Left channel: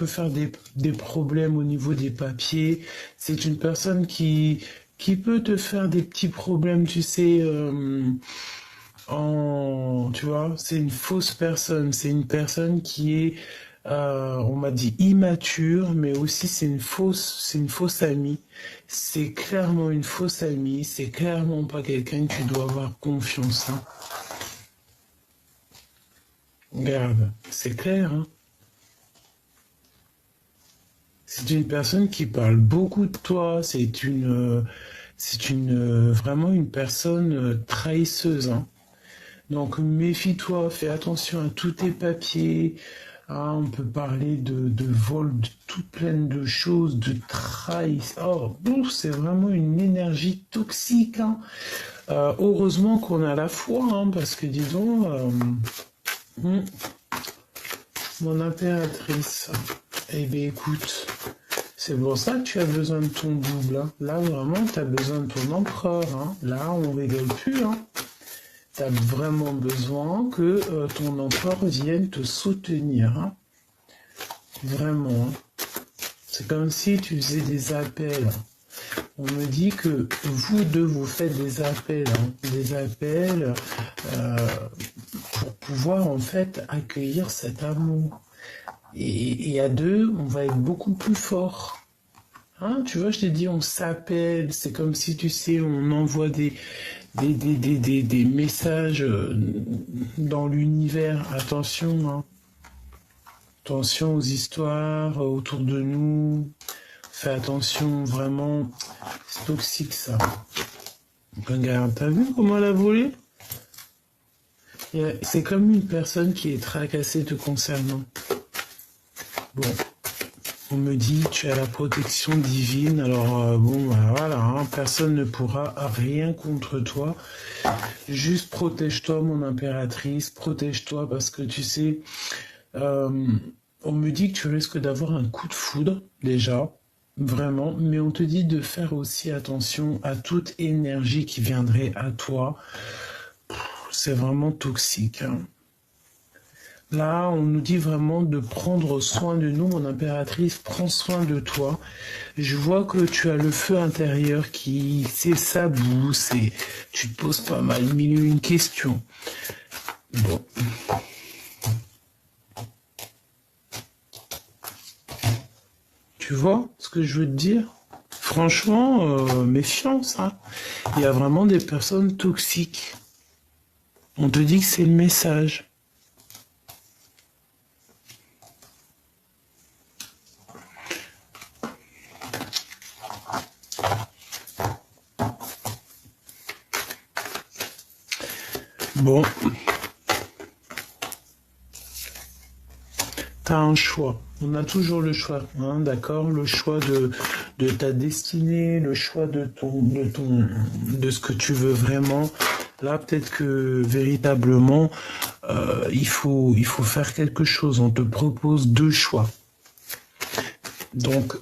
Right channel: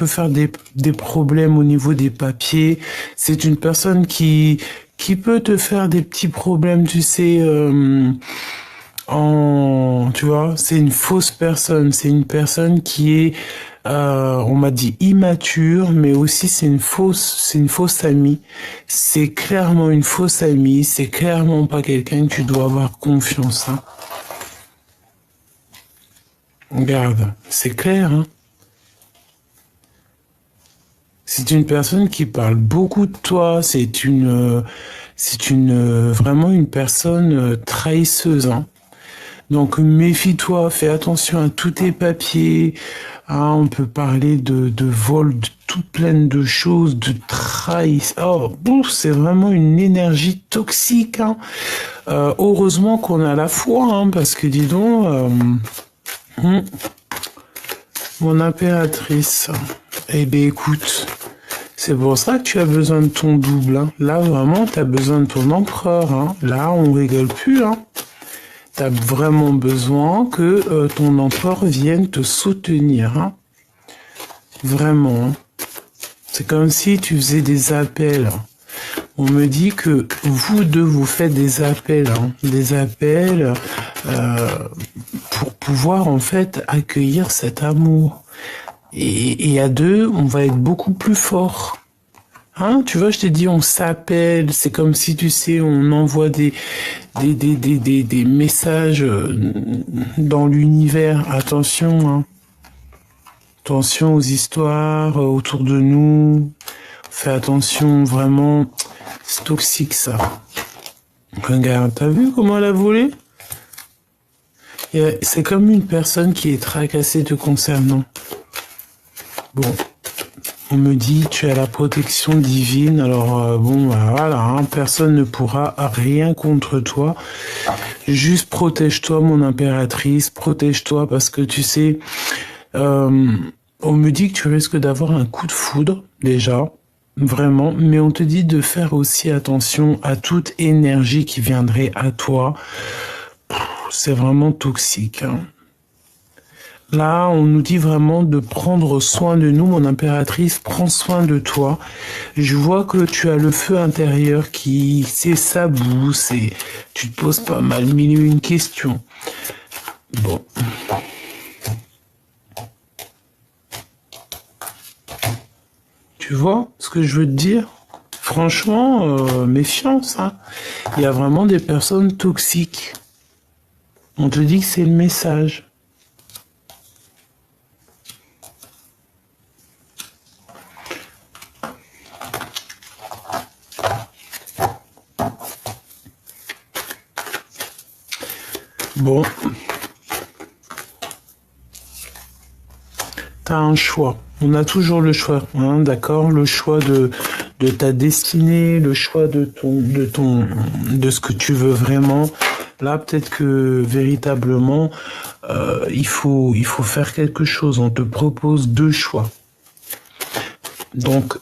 peut faire des problèmes au niveau des papiers. C'est une personne qui peut te faire des petits problèmes, tu sais, tu vois, c'est une fausse personne. C'est une personne qui est, on m'a dit immature, mais aussi c'est une fausse amie. C'est clairement une fausse amie. C'est clairement pas quelqu'un que tu dois avoir confiance, hein. Regarde, c'est clair, hein. C'est une personne qui parle beaucoup de toi. Vraiment une personne trahisseuse, hein. Donc méfie-toi, fais attention à tous tes papiers. Ah, on peut parler de vol, de tout plein de choses, de trahison. Oh, bon, c'est vraiment une énergie toxique, hein. Heureusement qu'on a la foi, hein, parce que dis donc, hum, mon impératrice. Eh bien écoute, c'est pour ça que tu as besoin de ton double, hein. Là vraiment, tu as besoin de ton empereur, hein. Là, on rigole plus, hein. Tu as vraiment besoin que ton empereur vienne te soutenir, hein. Vraiment, hein. C'est comme si tu faisais des appels. On me dit que vous deux, vous faites des appels, hein. Des appels pour pouvoir en fait accueillir cet amour. Et à deux, on va être beaucoup plus fort. Hein, tu vois, je t'ai dit, on s'appelle, c'est comme si, tu sais, on envoie des messages dans l'univers. Attention, hein. Attention aux histoires autour de nous. Fais attention, vraiment. C'est toxique, ça. Regarde, t'as vu comment elle a volé? C'est comme une personne qui est tracassée te concernant. Bon. On me dit, tu as la protection divine, alors bon, bah, voilà, hein, personne ne pourra rien contre toi. Juste protège-toi, mon impératrice, protège-toi, parce que tu sais, on me dit que tu risques d'avoir un coup de foudre, déjà, vraiment, mais on te dit de faire aussi attention à toute énergie qui viendrait à toi. C'est vraiment toxique, hein. Là, on nous dit vraiment de prendre soin de nous, mon impératrice, prends soin de toi. Je vois que tu as le feu intérieur qui s'éclabousse et tu te poses pas mal mille et une questions. Bon. Tu vois ce que je veux te dire? Franchement, méfiance, hein. Il y a vraiment des personnes toxiques. On te dit que c'est le message. Bon, t'as un choix. On a toujours le choix, hein, d'accord? Le choix de ta destinée, le choix de ce que tu veux vraiment. Là, peut-être que véritablement, il faut faire quelque chose. On te propose deux choix. Donc,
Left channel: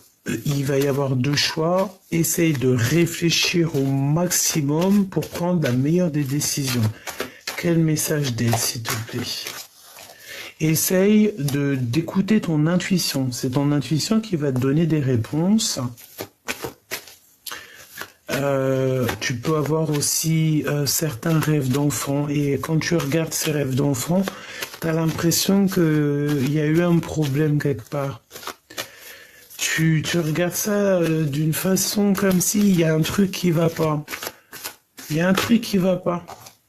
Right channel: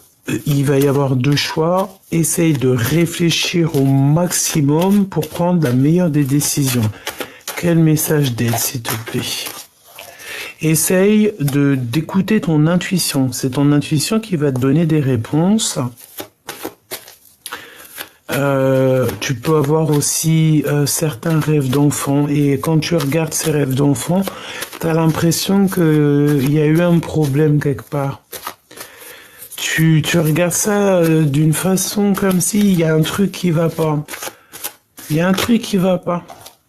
il va y avoir deux choix. Essaye de réfléchir au maximum pour prendre la meilleure des décisions. Quel message d'aide, s'il te plaît? Essaye d'écouter ton intuition. C'est ton intuition qui va te donner des réponses. Tu peux avoir aussi certains rêves d'enfant. Et quand tu regardes ces rêves d'enfant, tu as l'impression qu'il y a eu un problème quelque part. Tu regardes ça d'une façon comme s'il y a un truc qui va pas. Il y a un truc qui va pas.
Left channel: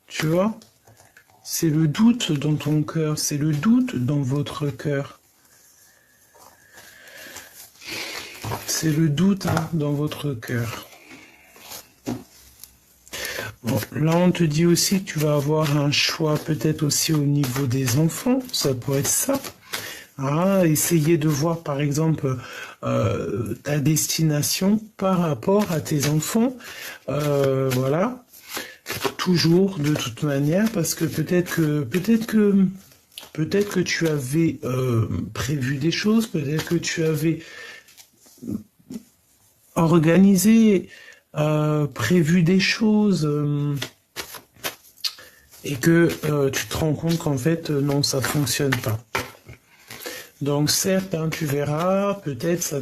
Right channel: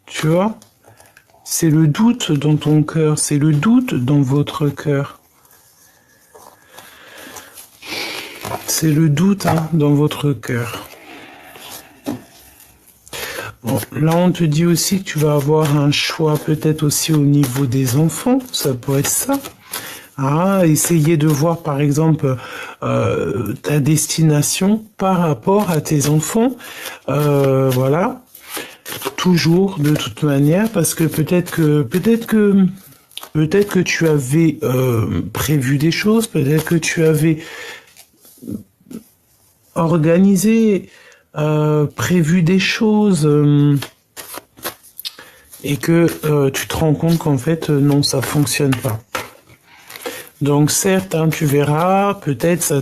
Tu vois? C'est le doute dans ton cœur, c'est le doute dans votre cœur. C'est le doute, hein, dans votre cœur. Bon, là on te dit aussi que tu vas avoir un choix peut-être aussi au niveau des enfants, ça peut être ça. Ah, essayer de voir par exemple ta destination par rapport à tes enfants. Voilà. Toujours, de toute manière, parce que peut-être que tu avais prévu des choses, peut-être que tu avais organisé, prévu des choses, et que tu te rends compte qu'en fait, non, ça fonctionne pas. Donc certes, hein, tu verras, peut-être ça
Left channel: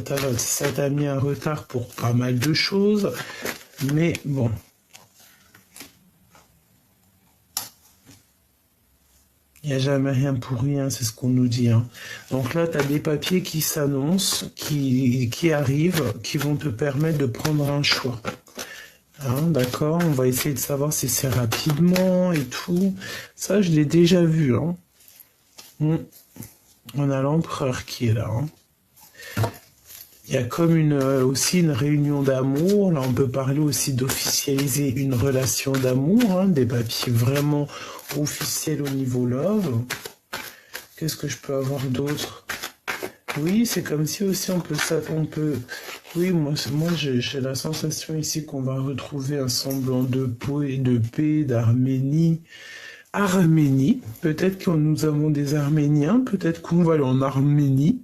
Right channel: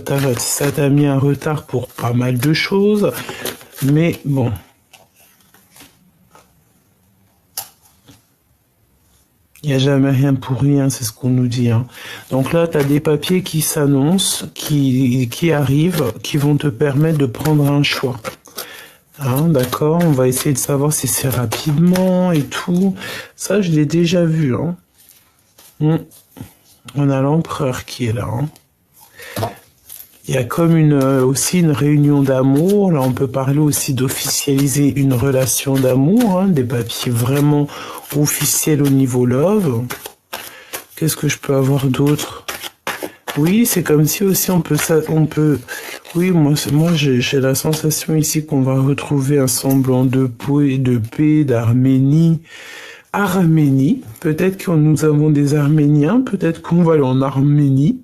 t'a mis un retard pour pas mal de choses, mais bon. Il n'y a jamais rien pour rien, c'est ce qu'on nous dit, hein. Donc là, tu as des papiers qui s'annoncent, qui arrivent, qui vont te permettre de prendre un choix. Hein, d'accord, on va essayer de savoir si c'est rapidement et tout. Ça, je l'ai déjà vu, hein. On a l'empereur qui est là, hein. Il y a comme aussi une réunion d'amour. Là, on peut parler aussi d'officialiser une relation d'amour, hein, des papiers vraiment officiels au niveau love. Qu'est-ce que je peux avoir d'autre? Oui, c'est comme si aussi on peut. Oui, moi j'ai la sensation ici qu'on va retrouver un semblant de paix, d'Arménie. Arménie, peut-être que nous avons des Arméniens, peut-être qu'on va aller en Arménie.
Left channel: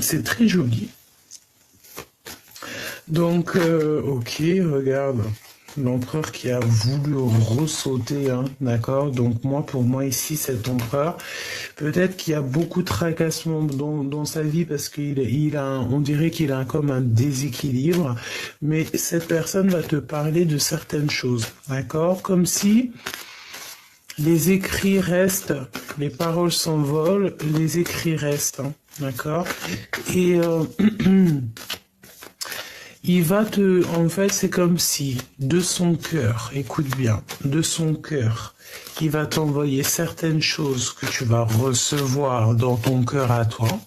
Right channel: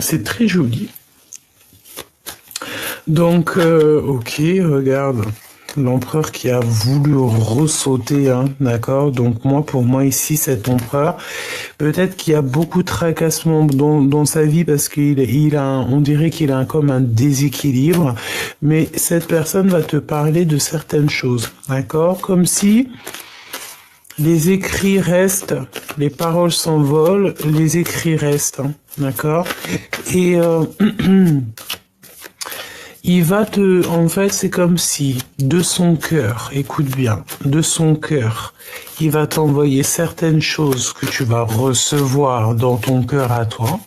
C'est très joli. Donc, ok, regarde, l'empereur qui a voulu ressauter, hein, d'accord. Donc pour moi ici, cet empereur, peut-être qu'il y a beaucoup de tracassements dans sa vie parce on dirait qu'il a comme un déséquilibre, mais cette personne va te parler de certaines choses, d'accord, comme si les écrits restent, les paroles s'envolent, les écrits restent, hein, d'accord. Et en fait, c'est comme si, de son cœur, écoute bien, de son cœur, il va t'envoyer certaines choses que tu vas recevoir dans ton cœur à toi.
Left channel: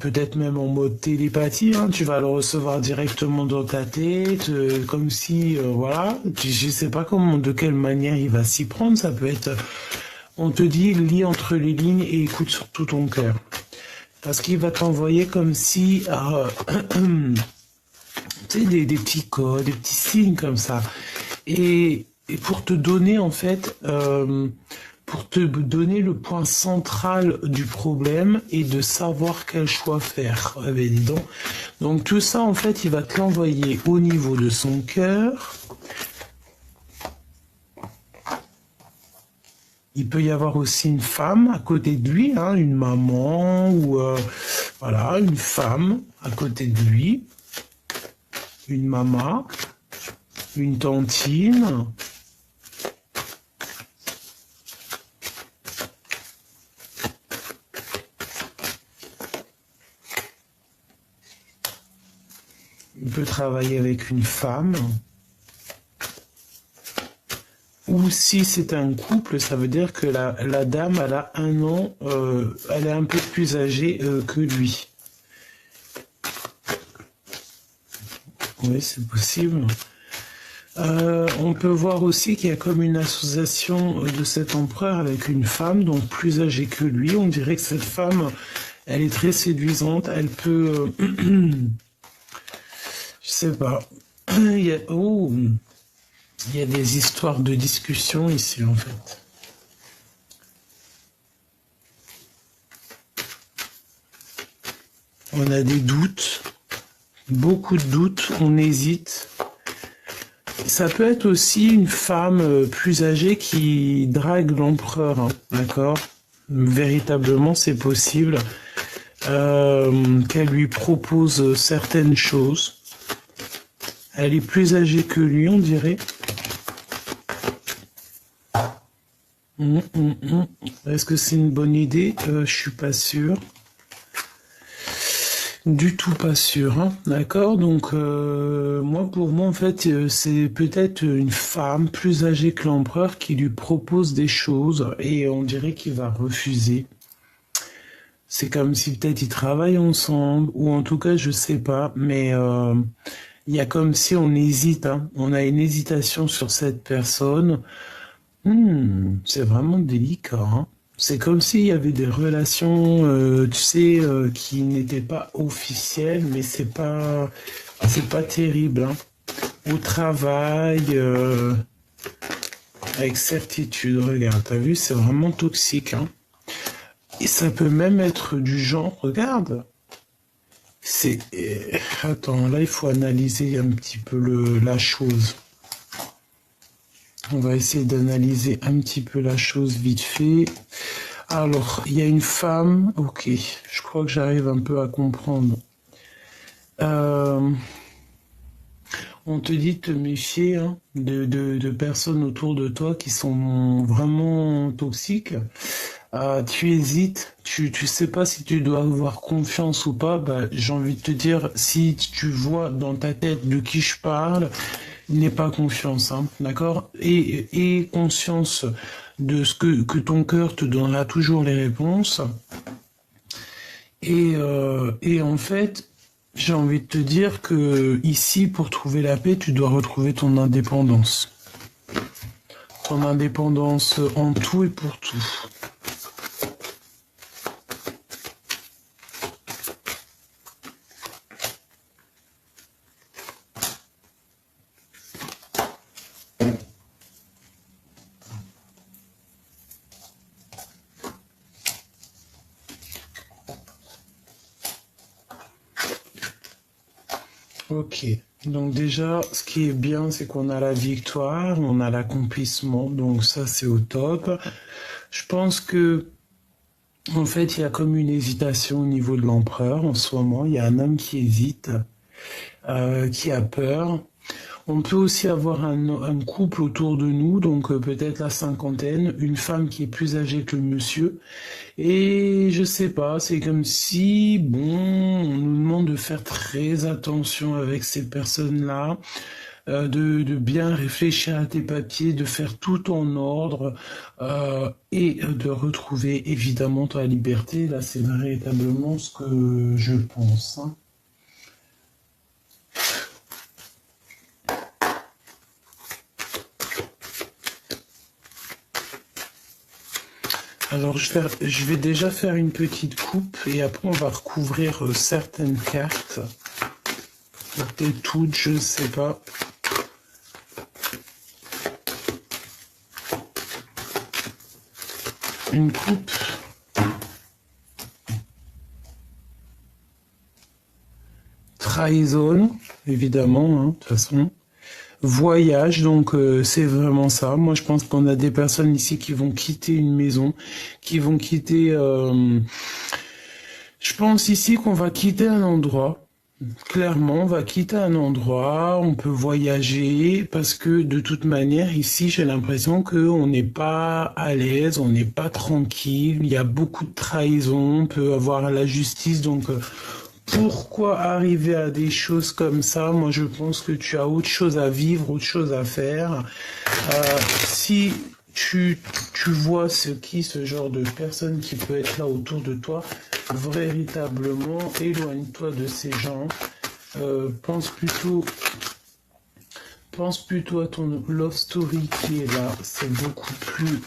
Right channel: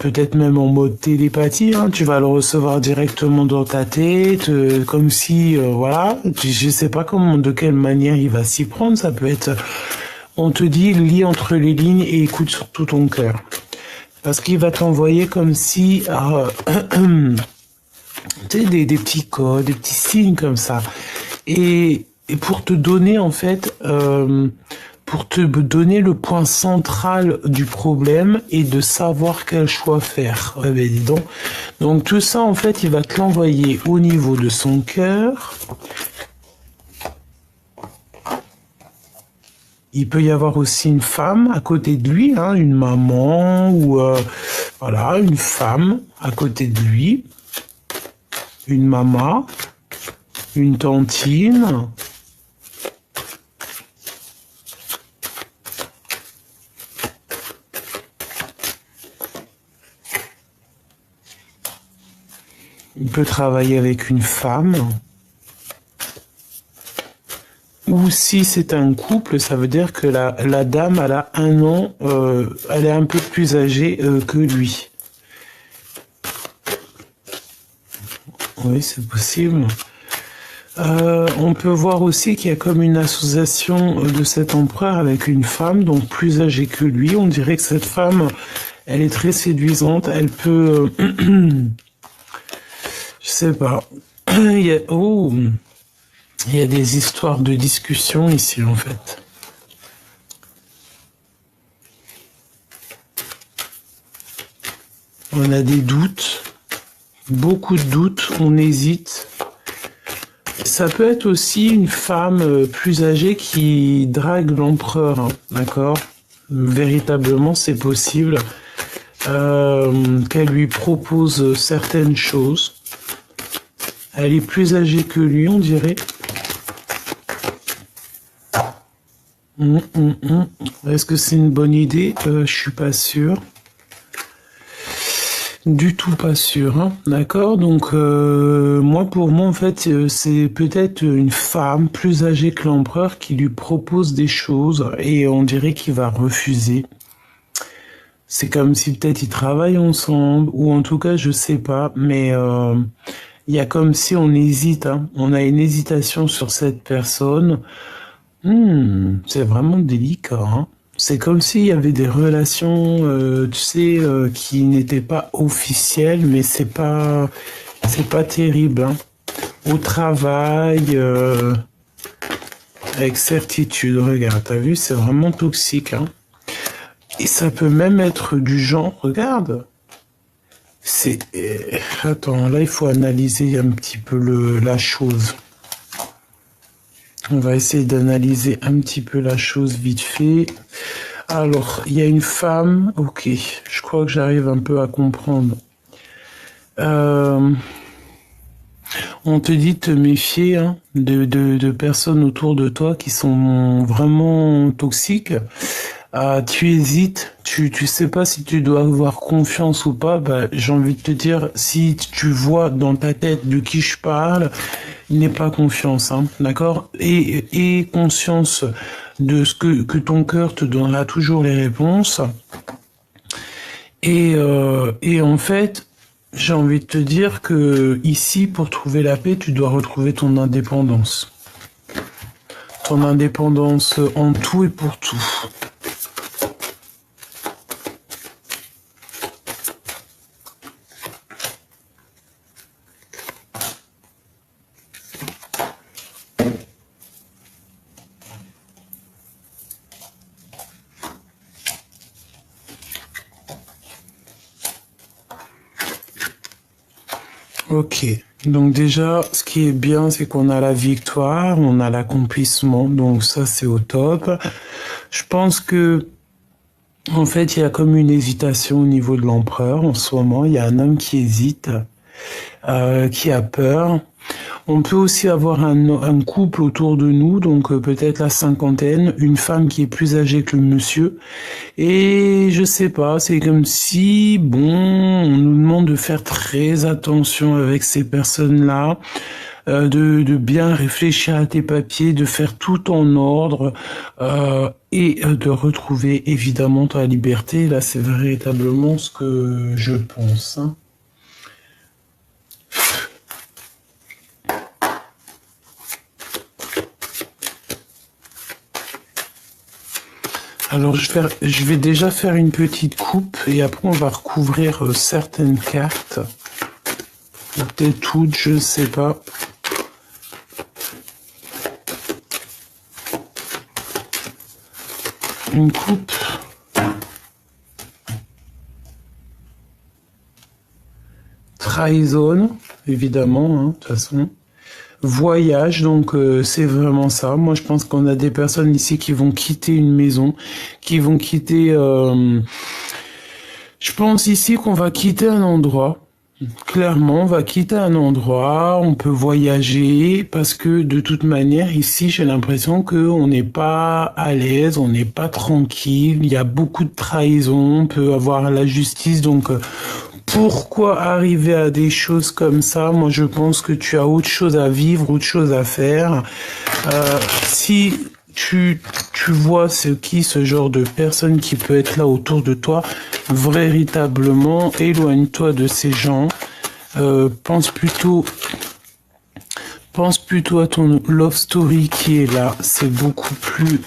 Peut-être même en mode télépathie, hein, tu vas le recevoir directement dans ta tête, comme si, voilà, je sais pas de quelle manière il va s'y prendre, ça peut être, on te dit, lis entre les lignes et écoute surtout ton cœur. Parce qu'il va t'envoyer comme si, tu sais, des petits codes, des petits signes comme ça. Et pour te donner, en fait, pour te donner le point central du problème et de savoir quel choix faire. Ouais, ben dis donc. Donc tout ça, en fait, il va te l'envoyer au niveau de son cœur. Il peut y avoir aussi une femme à côté de lui, hein, une maman ou voilà, une femme à côté de lui, une maman, une tantine. Il peut travailler avec une femme. Ou si c'est un couple, ça veut dire que la dame, elle a 1 an, elle est un peu plus âgée que lui. Oui, c'est possible. On peut voir aussi qu'il y a comme une association de cet empereur avec une femme, donc plus âgée que lui. On dirait que cette femme, elle est très séduisante. Elle peut... je sais pas. Il y a des histoires de discussion ici, en fait. On a des doutes, beaucoup de doutes, on hésite. Ça peut être aussi une femme plus âgée qui drague l'empereur, hein, d'accord? Véritablement, c'est possible qu'elle lui propose certaines choses. Elle est plus âgée que lui, on dirait. Est-ce que c'est une bonne idée? Je suis pas sûr. Du tout pas sûr, hein. D'accord? Donc, pour moi, en fait, c'est peut-être une femme plus âgée que l'empereur qui lui propose des choses et on dirait qu'il va refuser. C'est comme si peut-être ils travaillent ensemble ou en tout cas, je sais pas, mais il y a comme si on hésite, hein. On a une hésitation sur cette personne. C'est vraiment délicat, hein. C'est comme s'il y avait des relations, tu sais, qui n'étaient pas officielles, mais c'est pas terrible, hein. Au travail, avec certitude, regarde, t'as vu, c'est vraiment toxique, hein. Et ça peut même être du genre, regarde, attends, là il faut analyser un petit peu la chose. On va essayer d'analyser un petit peu la chose vite fait. Alors, il y a une femme, ok, je crois que j'arrive un peu à comprendre. Euh, on te dit de te méfier hein, de personnes autour de toi qui sont vraiment toxiques. Tu hésites, tu sais pas si tu dois avoir confiance ou pas. Bah, j'ai envie de te dire, si tu vois dans ta tête de qui je parle, il n'est pas confiance, hein, d'accord? Et conscience de ce que ton cœur te donnera toujours les réponses. Et en fait, j'ai envie de te dire que ici, pour trouver la paix, tu dois retrouver ton indépendance. Ton indépendance en tout et pour tout. Ok. Donc déjà, ce qui est bien, c'est qu'on a la victoire, on a l'accomplissement, donc ça c'est au top. Je pense que, en fait, il y a comme une hésitation au niveau de l'empereur en ce moment. Il y a un homme qui hésite, qui a peur. On peut aussi avoir un couple autour de nous, donc peut-être la cinquantaine, une femme qui est plus âgée que le monsieur. Et je sais pas, c'est comme si, bon, on nous demande de faire très attention avec ces personnes-là, de bien réfléchir à tes papiers, de faire tout en ordre et de retrouver évidemment ta liberté. Là, c'est véritablement ce que je pense, hein. Alors, je vais déjà faire une petite coupe et après on va recouvrir certaines cartes. Peut-être toutes, je ne sais pas. Une coupe. Trahison, évidemment, hein, de toute façon. Voyage, donc c'est vraiment ça. Moi, je pense qu'on a des personnes ici qui vont quitter une maison, qui vont quitter... Je pense ici qu'on va quitter un endroit. Clairement, on va quitter un endroit, on peut voyager, parce que de toute manière, ici, j'ai l'impression qu'on n'est pas à l'aise, on n'est pas tranquille, il y a beaucoup de trahison, on peut avoir la justice, donc pourquoi arriver à des choses comme ça? Moi, je pense que tu as autre chose à vivre, autre chose à faire. Si tu vois ce genre de personne qui peut être là autour de toi, véritablement, éloigne-toi de ces gens. Pense plutôt à ton love story qui est là. C'est beaucoup plus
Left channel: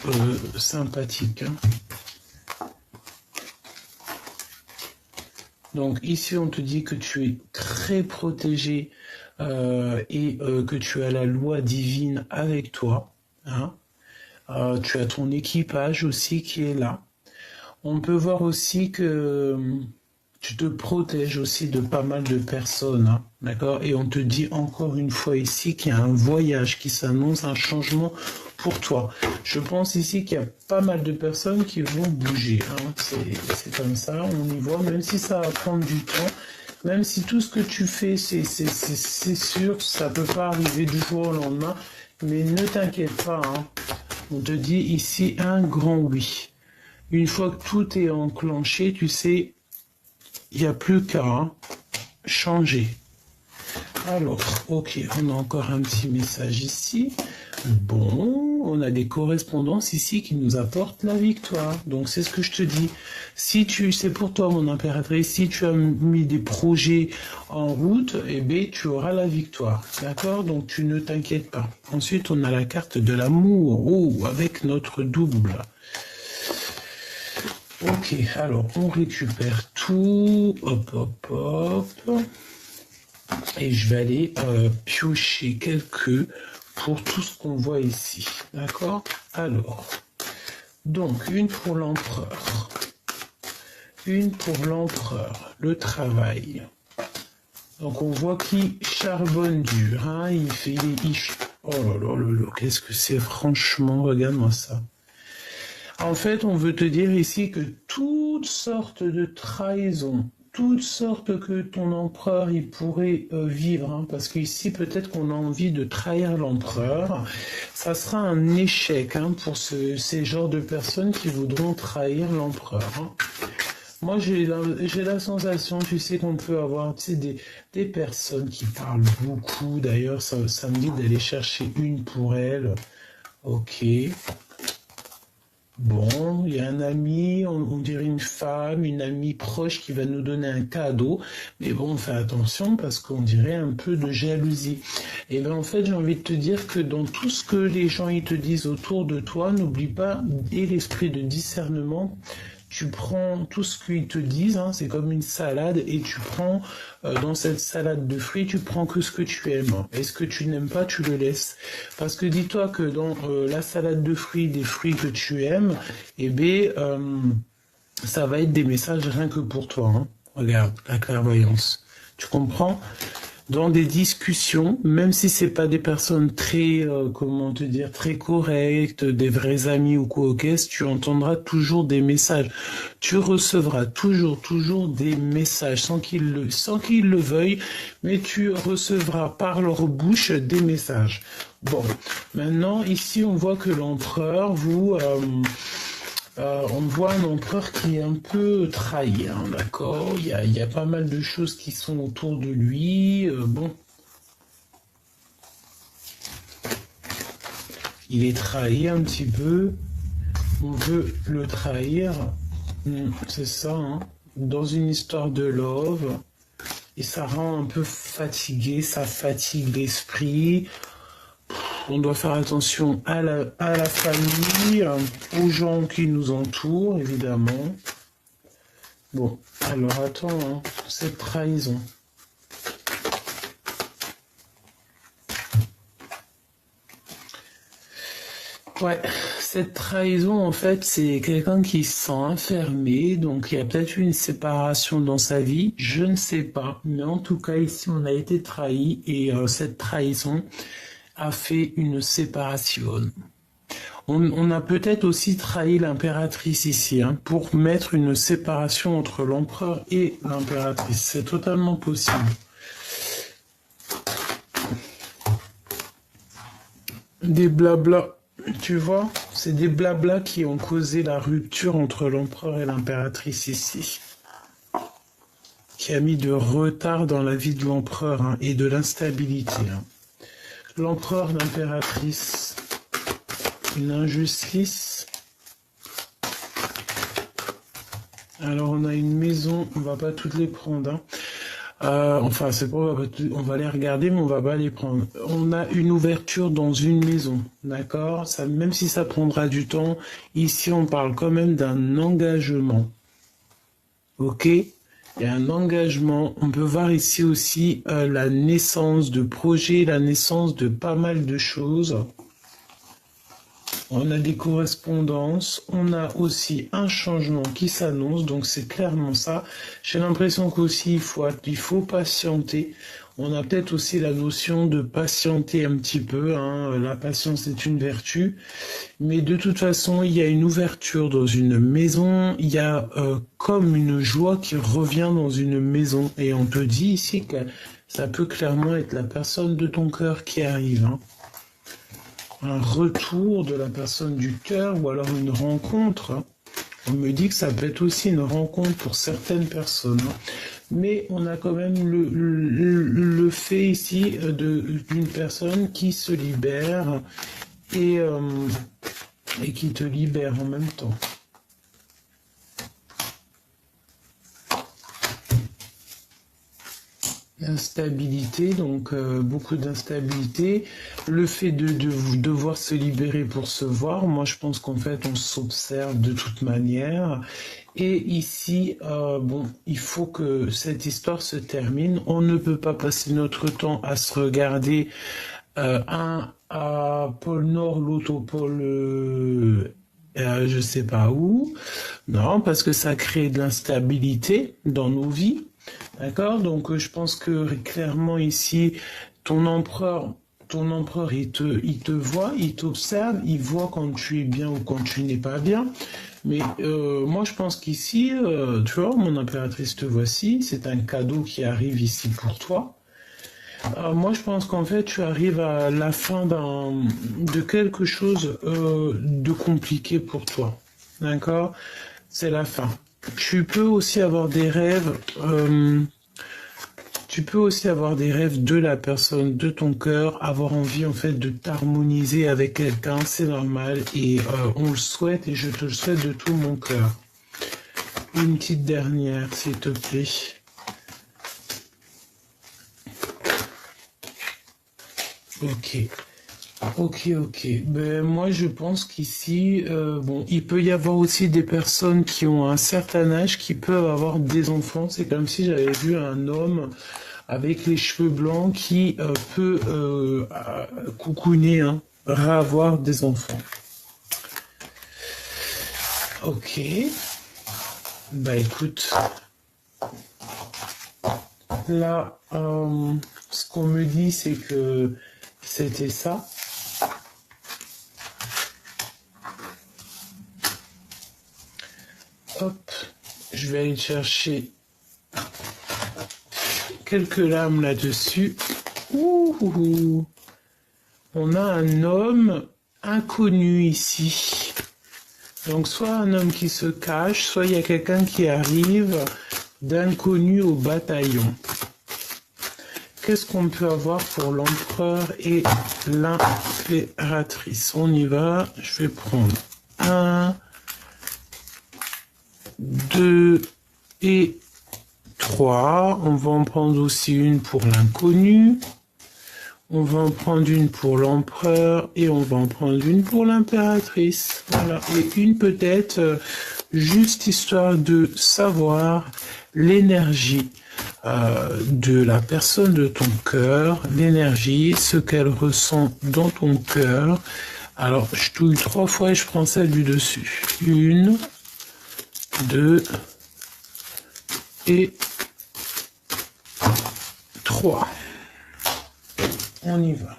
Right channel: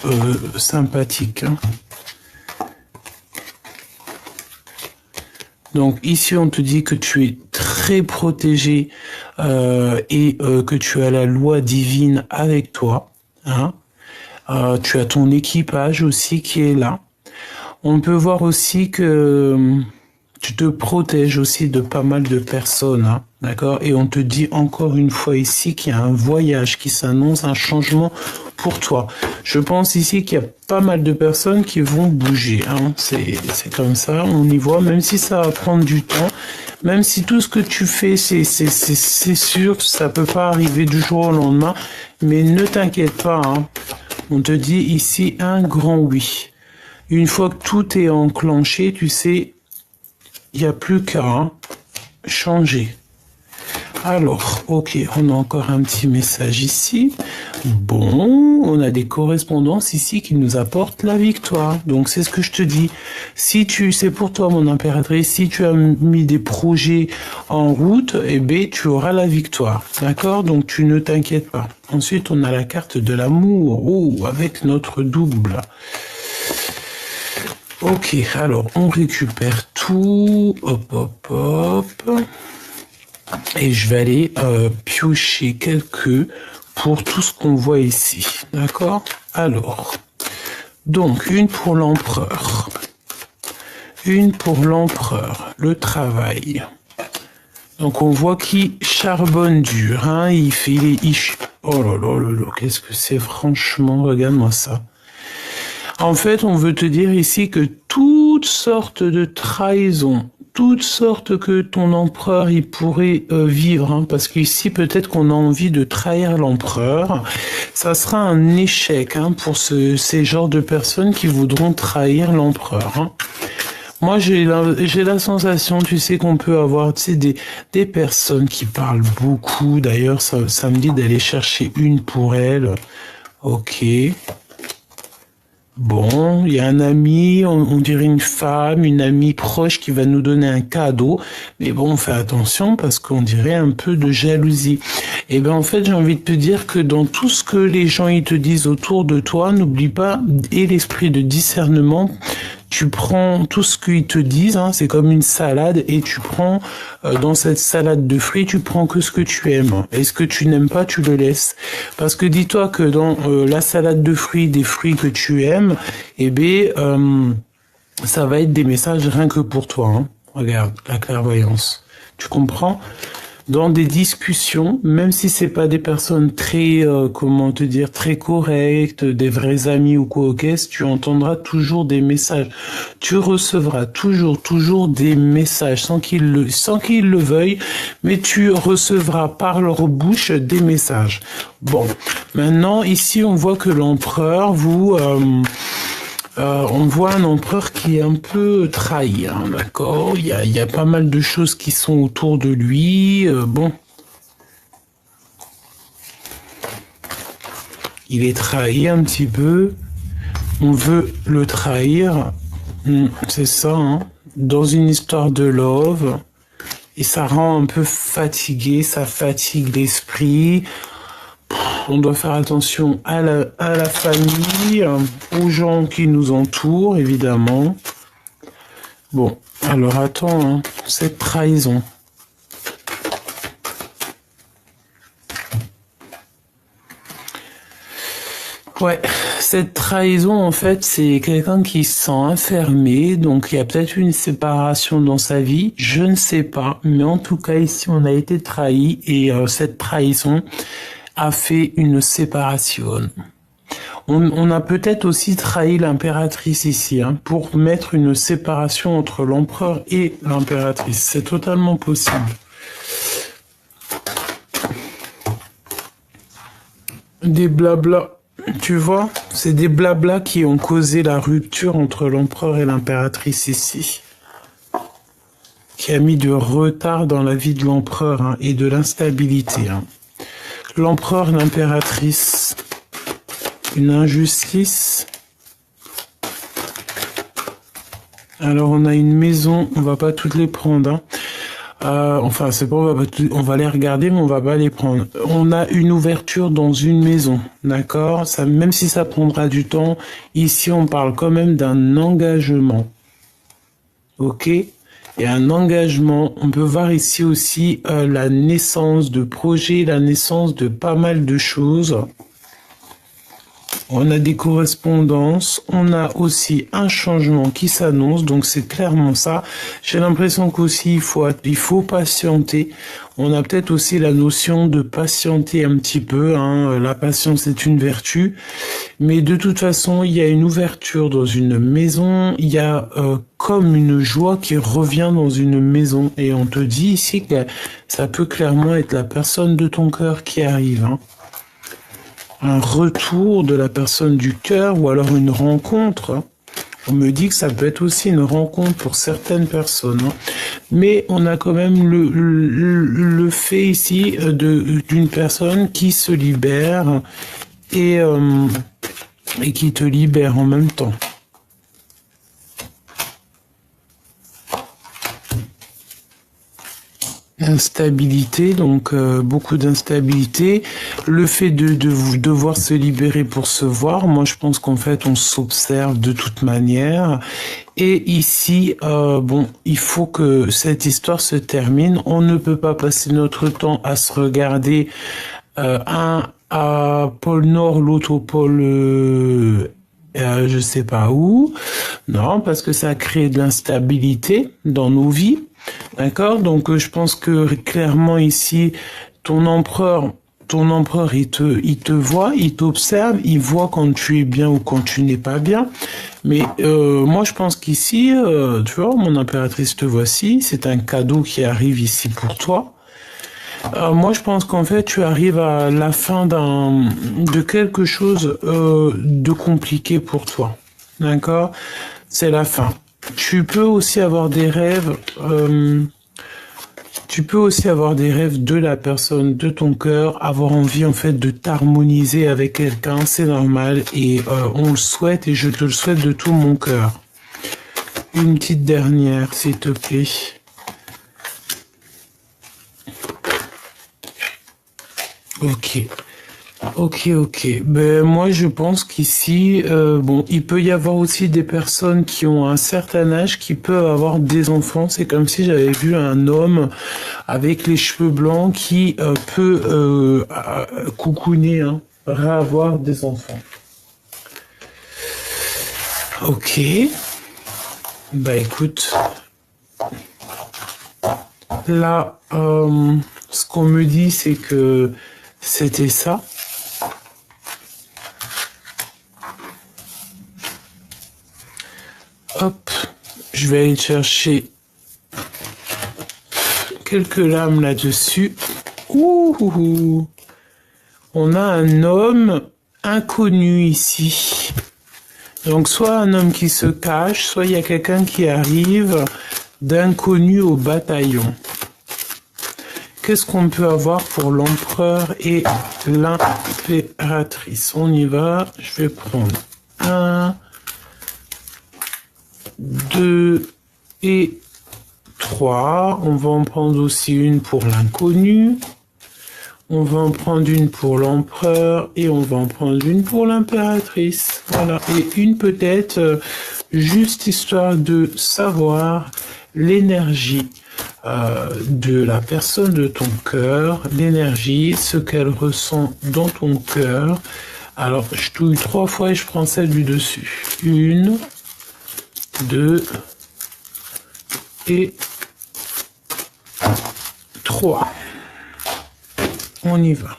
sympathique, hein. Donc ici, on te dit que tu es très protégé et que tu as la loi divine avec toi, hein. Tu as ton équipage aussi qui est là. On peut voir aussi que tu te protèges aussi de pas mal de personnes, hein, d'accord? Et on te dit encore une fois ici qu'il y a un voyage qui s'annonce, un changement pour toi. Je pense ici qu'il y a pas mal de personnes qui vont bouger, hein. C'est comme ça, on y voit, même si ça va prendre du temps, même si tout ce que tu fais, c'est sûr, ça peut pas arriver du jour au lendemain, mais ne t'inquiète pas, hein. On te dit ici un grand oui. Une fois que tout est enclenché, tu sais, il n'y a plus qu'à changer. Alors, ok, on a encore un petit message ici. Bon, on a des correspondances ici qui nous apportent la victoire. Donc, c'est ce que je te dis. Si c'est pour toi, mon impératrice, si tu as mis des projets en route, eh bien, tu auras la victoire. D'accord? Donc, tu ne t'inquiètes pas. Ensuite, on a la carte de l'amour. Oh, avec notre double. Ok, alors, on récupère tout. Hop, hop, hop. Et je vais aller piocher quelques pour tout ce qu'on voit ici. D'accord? Alors, donc, une pour l'empereur. Une pour l'empereur. Le travail. Donc, on voit qu'il charbonne dur. Hein, il fait les... Oh là là là là, qu'est-ce que c'est franchement? Regarde-moi ça. En fait, on veut te dire ici que toutes sortes de trahisons, toutes sortes que ton empereur il pourrait vivre, hein, parce qu'ici peut-être qu'on a envie de trahir l'empereur, ça sera un échec hein, pour ces genres de personnes qui voudront trahir l'empereur. Hein. Moi, j'ai la sensation, tu sais, qu'on peut avoir, tu sais, des personnes qui parlent beaucoup. D'ailleurs, ça me dit d'aller chercher une pour elle. Ok. Bon, il y a un ami, on dirait une femme, une amie proche qui va nous donner un cadeau. Mais bon, fais attention parce qu'on dirait un peu de jalousie. Et ben en fait, j'ai envie de te dire que dans tout ce que les gens ils te disent autour de toi, n'oublie pas, et l'esprit de discernement, tu prends tout ce qu'ils te disent, hein, c'est comme une salade, et tu prends dans cette salade de fruits, tu prends que ce que tu aimes. Et ce que tu n'aimes pas, tu le laisses. Parce que dis-toi que dans la salade de fruits, des fruits que tu aimes, eh bien, ça va être des messages rien que pour toi. Hein. Regarde, la clairvoyance. Tu comprends? Dans des discussions, même si c'est pas des personnes très, comment te dire, très correctes, des vrais amis ou quoi, ok, tu entendras toujours des messages. Tu recevras toujours des messages sans qu'ils le veuillent, mais tu recevras par leur bouche des messages. Bon, maintenant ici on voit que l'empereur on voit un empereur qui est un peu trahi, hein, d'accord? Il y a pas mal de choses qui sont autour de lui. Bon, il est trahi un petit peu. On veut le trahir. C'est ça, hein? Dans une histoire de love. Et ça rend un peu fatigué, ça fatigue l'esprit. On doit faire attention à la famille, aux gens qui nous entourent, évidemment. Bon, alors attends, hein, cette trahison. Ouais, cette trahison, en fait, c'est quelqu'un qui se sent enfermé, donc il y a peut-être une séparation dans sa vie, je ne sais pas, mais en tout cas, ici, on a été trahi, et cette trahison a fait une séparation. On a peut-être aussi trahi l'impératrice ici, hein, pour mettre une séparation entre l'empereur et l'impératrice. C'est totalement possible. Des blabla, tu vois, c'est des blabla qui ont causé la rupture entre l'empereur et l'impératrice ici. Qui a mis de retard dans la vie de l'empereur hein, et de l'instabilité. Hein. L'empereur, l'impératrice, une injustice. Alors on a une maison, on va pas toutes les prendre. Hein. Enfin c'est pas, on va les regarder mais on va pas les prendre. On a une ouverture dans une maison, d'accord? Ça, même si ça prendra du temps, ici on parle quand même d'un engagement. Ok? Et un engagement, on peut voir ici aussi la naissance de projets, la naissance de pas mal de choses. On a des correspondances, on a aussi un changement qui s'annonce, donc c'est clairement ça. J'ai l'impression qu'aussi il faut patienter. On a peut-être aussi la notion de patienter un petit peu, hein. La patience est une vertu. Mais de toute façon, il y a une ouverture dans une maison, il y a comme une joie qui revient dans une maison. Et on te dit ici que ça peut clairement être la personne de ton cœur qui arrive, hein. Un retour de la personne du cœur ou alors une rencontre. On me dit que ça peut être aussi une rencontre pour certaines personnes. Mais on a quand même le fait ici d'une personne qui se libère et qui te libère en même temps. Instabilité, donc beaucoup d'instabilité. Le fait de devoir se libérer pour se voir, moi je pense qu'en fait on s'observe de toute manière. Et ici, bon, il faut que cette histoire se termine. On ne peut pas passer notre temps à se regarder un à pôle Nord, l'autre au pôle... je sais pas où. Non, parce que ça crée de l'instabilité dans nos vies. D'accord? Donc, je pense que clairement ici, ton empereur, ton empereur, il te voit, il t'observe, il voit quand tu es bien ou quand tu n'es pas bien. Mais moi, je pense qu'ici, tu vois, mon impératrice, te voici, c'est un cadeau qui arrive ici pour toi. Moi, je pense qu'en fait, tu arrives à la fin de quelque chose de compliqué pour toi. D'accord? C'est la fin. Tu peux aussi avoir des rêves. Tu peux aussi avoir des rêves de la personne, de ton cœur, avoir envie en fait de t'harmoniser avec quelqu'un, c'est normal et on le souhaite et je te le souhaite de tout mon cœur. Une petite dernière, s'il te plaît. Ok. Ok. Ben moi je pense qu'ici, bon, il peut y avoir aussi des personnes qui ont un certain âge qui peuvent avoir des enfants. C'est comme si j'avais vu un homme avec les cheveux blancs qui peut coucouner, hein, avoir des enfants. Ok. Bah écoute, là, ce qu'on me dit c'est que c'était ça. Hop, je vais aller chercher quelques larmes là-dessus. Ouh, on a un homme inconnu ici. Donc soit un homme qui se cache, soit il y a quelqu'un qui arrive d'inconnu au bataillon. Qu'est-ce qu'on peut avoir pour l'empereur et l'impératrice? On y va, je vais prendre 1, 2 et 3. On va en prendre aussi une pour l'inconnu. On va en prendre une pour l'empereur et on va en prendre une pour l'impératrice. Voilà, et une peut-être, juste histoire de savoir l'énergie de la personne de ton cœur, l'énergie, ce qu'elle ressent dans ton cœur. Alors, je touille 3 fois et je prends celle du dessus. 1, 2 et 3. On y va.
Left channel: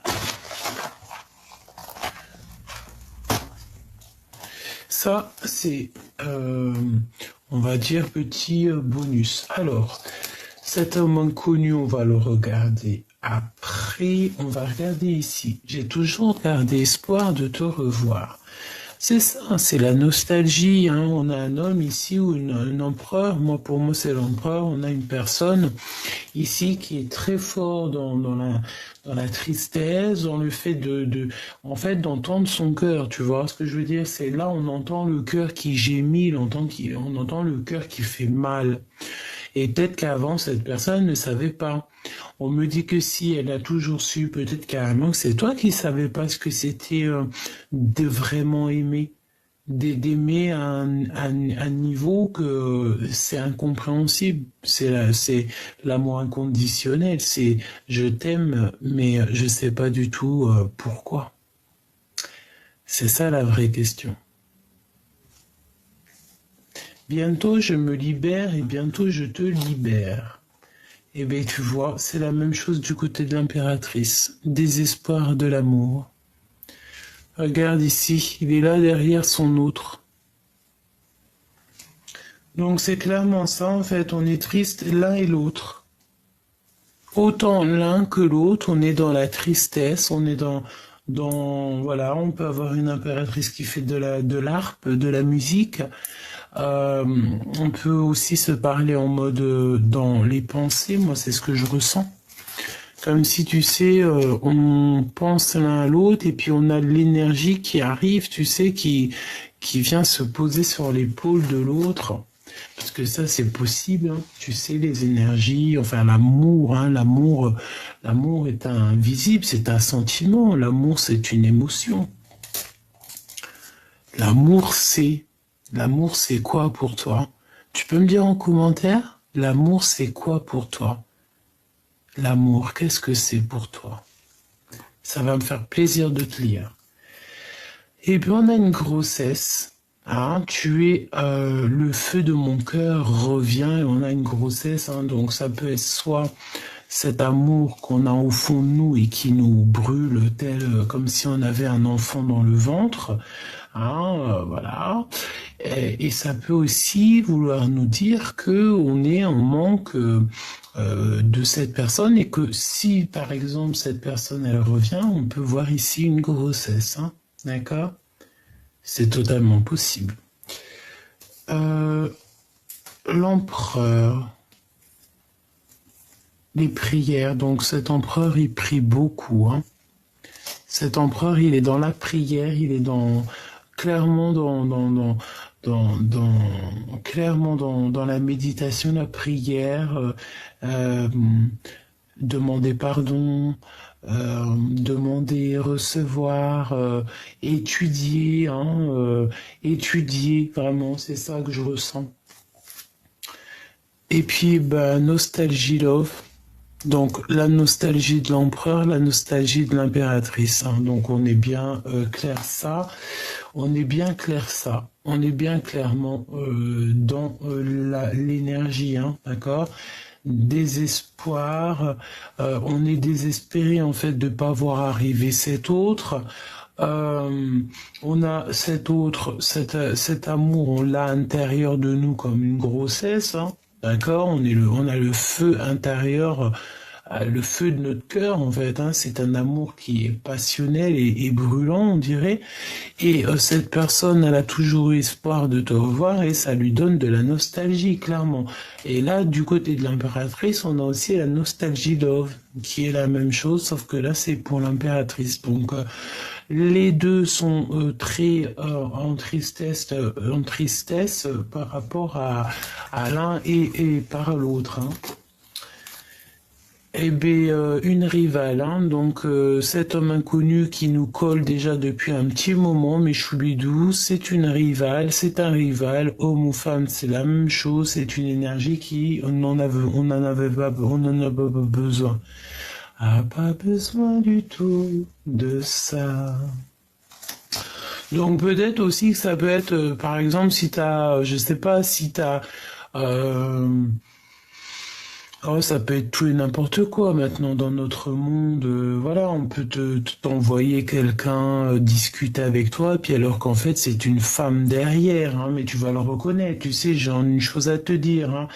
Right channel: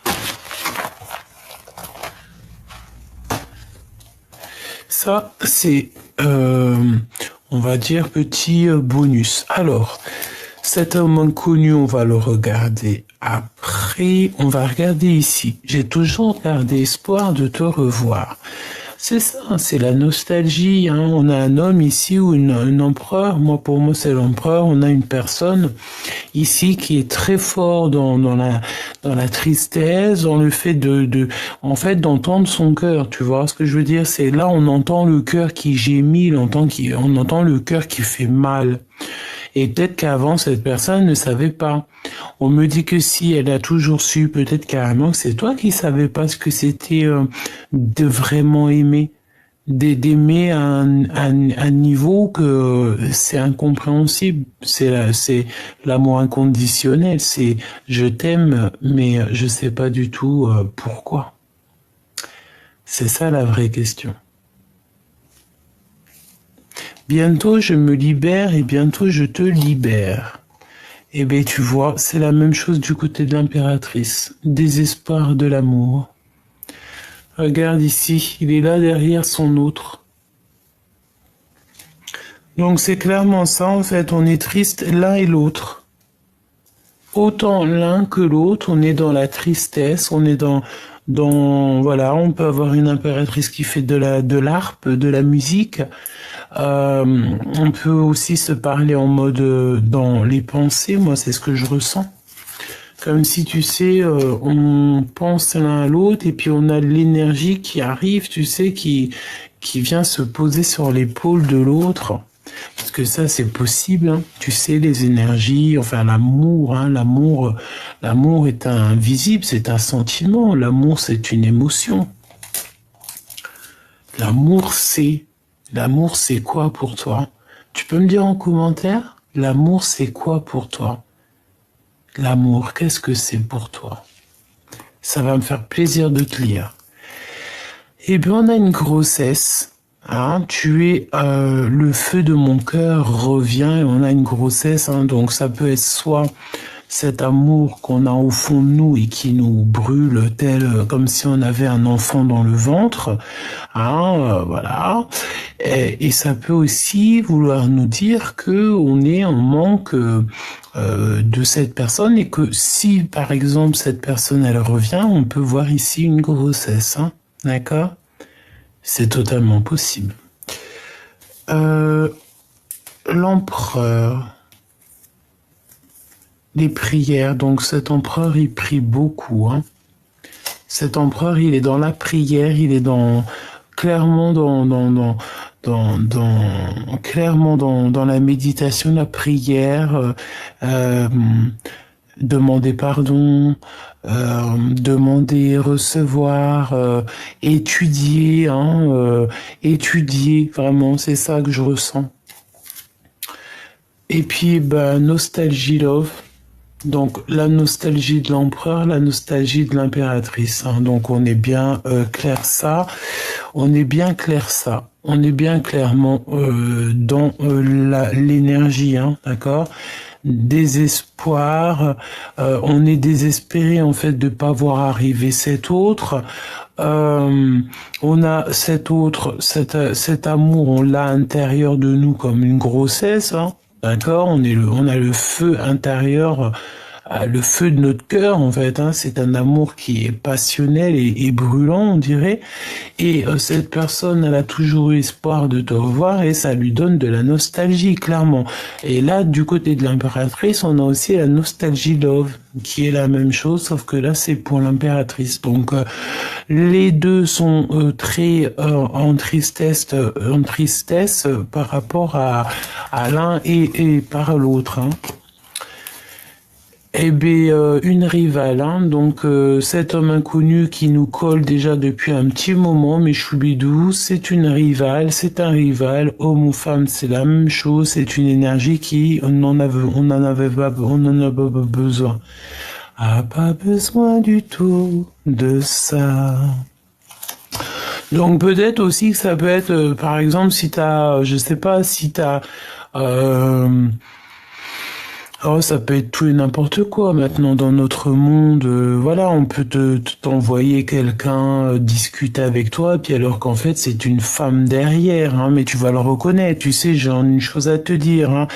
Ça, c'est, on va dire, petit bonus. Alors, cet homme inconnu, on va le regarder après. On va regarder ici. J'ai toujours gardé espoir de te revoir. C'est ça, c'est la nostalgie. Hein. On a un homme ici ou un empereur. Moi, pour moi, c'est l'empereur. On a une personne ici qui est très fort dans la tristesse, dans le fait en fait, d'entendre son cœur. Tu vois ce que je veux dire? C'est là, on entend le cœur qui gémit, on entend le cœur qui fait mal. Et peut-être qu'avant, cette personne ne savait pas. On me dit que si elle a toujours su, peut-être carrément que c'est toi qui savais pas ce que c'était de vraiment aimer. D'aimer à un niveau que c'est incompréhensible. C'est l'amour inconditionnel. C'est je t'aime, mais je sais pas du tout pourquoi. C'est ça la vraie question. Bientôt je me libère et bientôt je te libère. Eh bien, tu vois, c'est la même chose du côté de l'impératrice. Désespoir de l'amour. Regarde ici, il est là derrière son autre. Donc c'est clairement ça, en fait, on est triste l'un et l'autre. Autant l'un que l'autre, on est dans la tristesse, on est voilà, on peut avoir une impératrice qui fait de l'harpe, de la musique. On peut aussi se parler en mode dans les pensées, moi c'est ce que je ressens. Comme si tu sais, on pense l'un à l'autre et puis on a l'énergie qui arrive, tu sais, qui vient se poser sur l'épaule de l'autre. Parce que ça c'est possible, hein. Tu sais, les énergies, enfin l'amour, hein, l'amour est invisible, c'est un sentiment, l'amour c'est une émotion. L'amour c'est quoi pour toi? Tu peux me dire en commentaire? L'amour, c'est quoi pour toi? L'amour, qu'est-ce que c'est pour toi? Ça va me faire plaisir de te lire. Eh bien, on a une grossesse. Hein, le feu de mon cœur revient et on a une grossesse. Hein, donc, ça peut être soit cet amour qu'on a au fond de nous et qui nous brûle comme si on avait un enfant dans le ventre, hein, voilà. Et ça peut aussi vouloir nous dire que on est en manque de cette personne et que si, par exemple, cette personne elle revient, on peut voir ici une grossesse, hein, d'accord? C'est totalement possible. Euh, L'empereur, les prières. Donc cet empereur, il prie beaucoup, hein. Cet empereur, il est dans la prière, il est clairement clairement dans la méditation, la prière, euh, demander pardon, demander, recevoir, étudier, hein, étudier, vraiment, c'est ça que je ressens. Et puis, bah, nostalgie love. Donc, la nostalgie de l'empereur, la nostalgie de l'impératrice, hein. Donc, on est bien clair ça. On est bien clair ça. On est bien clairement dans l'énergie, hein, d'accord? Désespoir. On est désespéré en fait de pas voir arriver cet autre. On a cet amour, on l'a à l'intérieur de nous comme une grossesse, hein, d'accord? On a le feu intérieur, le feu de notre cœur en fait, hein. C'est un amour qui est passionnel et brûlant, on dirait. Et cette personne, elle a toujours eu espoir de te revoir et ça lui donne de la nostalgie, clairement. Et là, du côté de l'impératrice, on a aussi la nostalgie love, qui est la même chose, sauf que là, c'est pour l'impératrice. Donc, les deux sont très en tristesse par rapport à l'un et par l'autre, hein. Eh bien, une rivale, hein. Donc cet homme inconnu qui nous colle déjà depuis un petit moment, mes choubidous, c'est une rivale, c'est un rival, homme ou femme, c'est la même chose, c'est une énergie qui, on n'en a pas besoin. Ah, pas besoin du tout de ça. Donc peut-être aussi que ça peut être, par exemple, si t'as, je sais pas, si t'as... Euh, Oh, ça peut être tout et n'importe quoi maintenant dans notre monde. Voilà, on peut t'envoyer quelqu'un discuter avec toi, puis alors qu'en fait c'est une femme derrière, hein, mais tu vas le reconnaître. Tu sais, j'ai une chose à te dire, hein.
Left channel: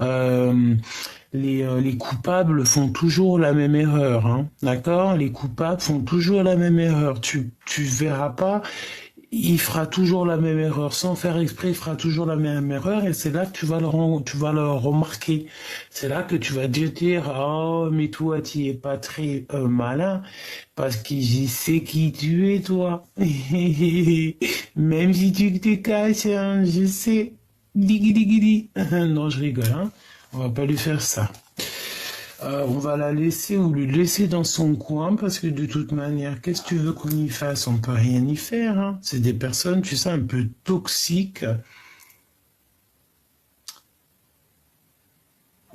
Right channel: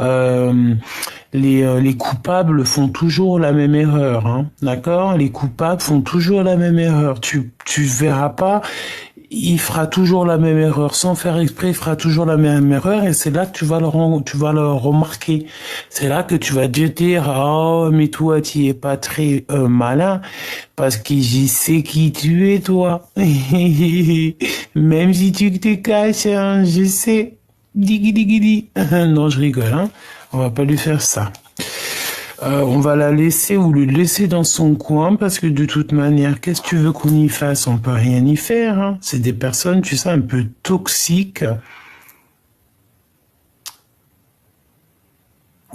Euh, les coupables font toujours la même erreur, hein, d'accord? Les coupables font toujours la même erreur. Tu verras pas, il fera toujours la même erreur. Sans faire exprès, il fera toujours la même erreur et c'est là que tu vas le remarquer. C'est là que tu vas te dire, oh, mais toi, tu es pas très malin parce que je sais qui tu es, toi. Même si tu te caches, hein, je sais. Diggy diggy di. Non, je rigole, hein. On va pas lui faire ça. On va la laisser ou le laisser dans son coin parce que de toute manière, qu'est-ce que tu veux qu'on y fasse? On peut rien y faire, hein. C'est des personnes, tu sais, un peu toxiques.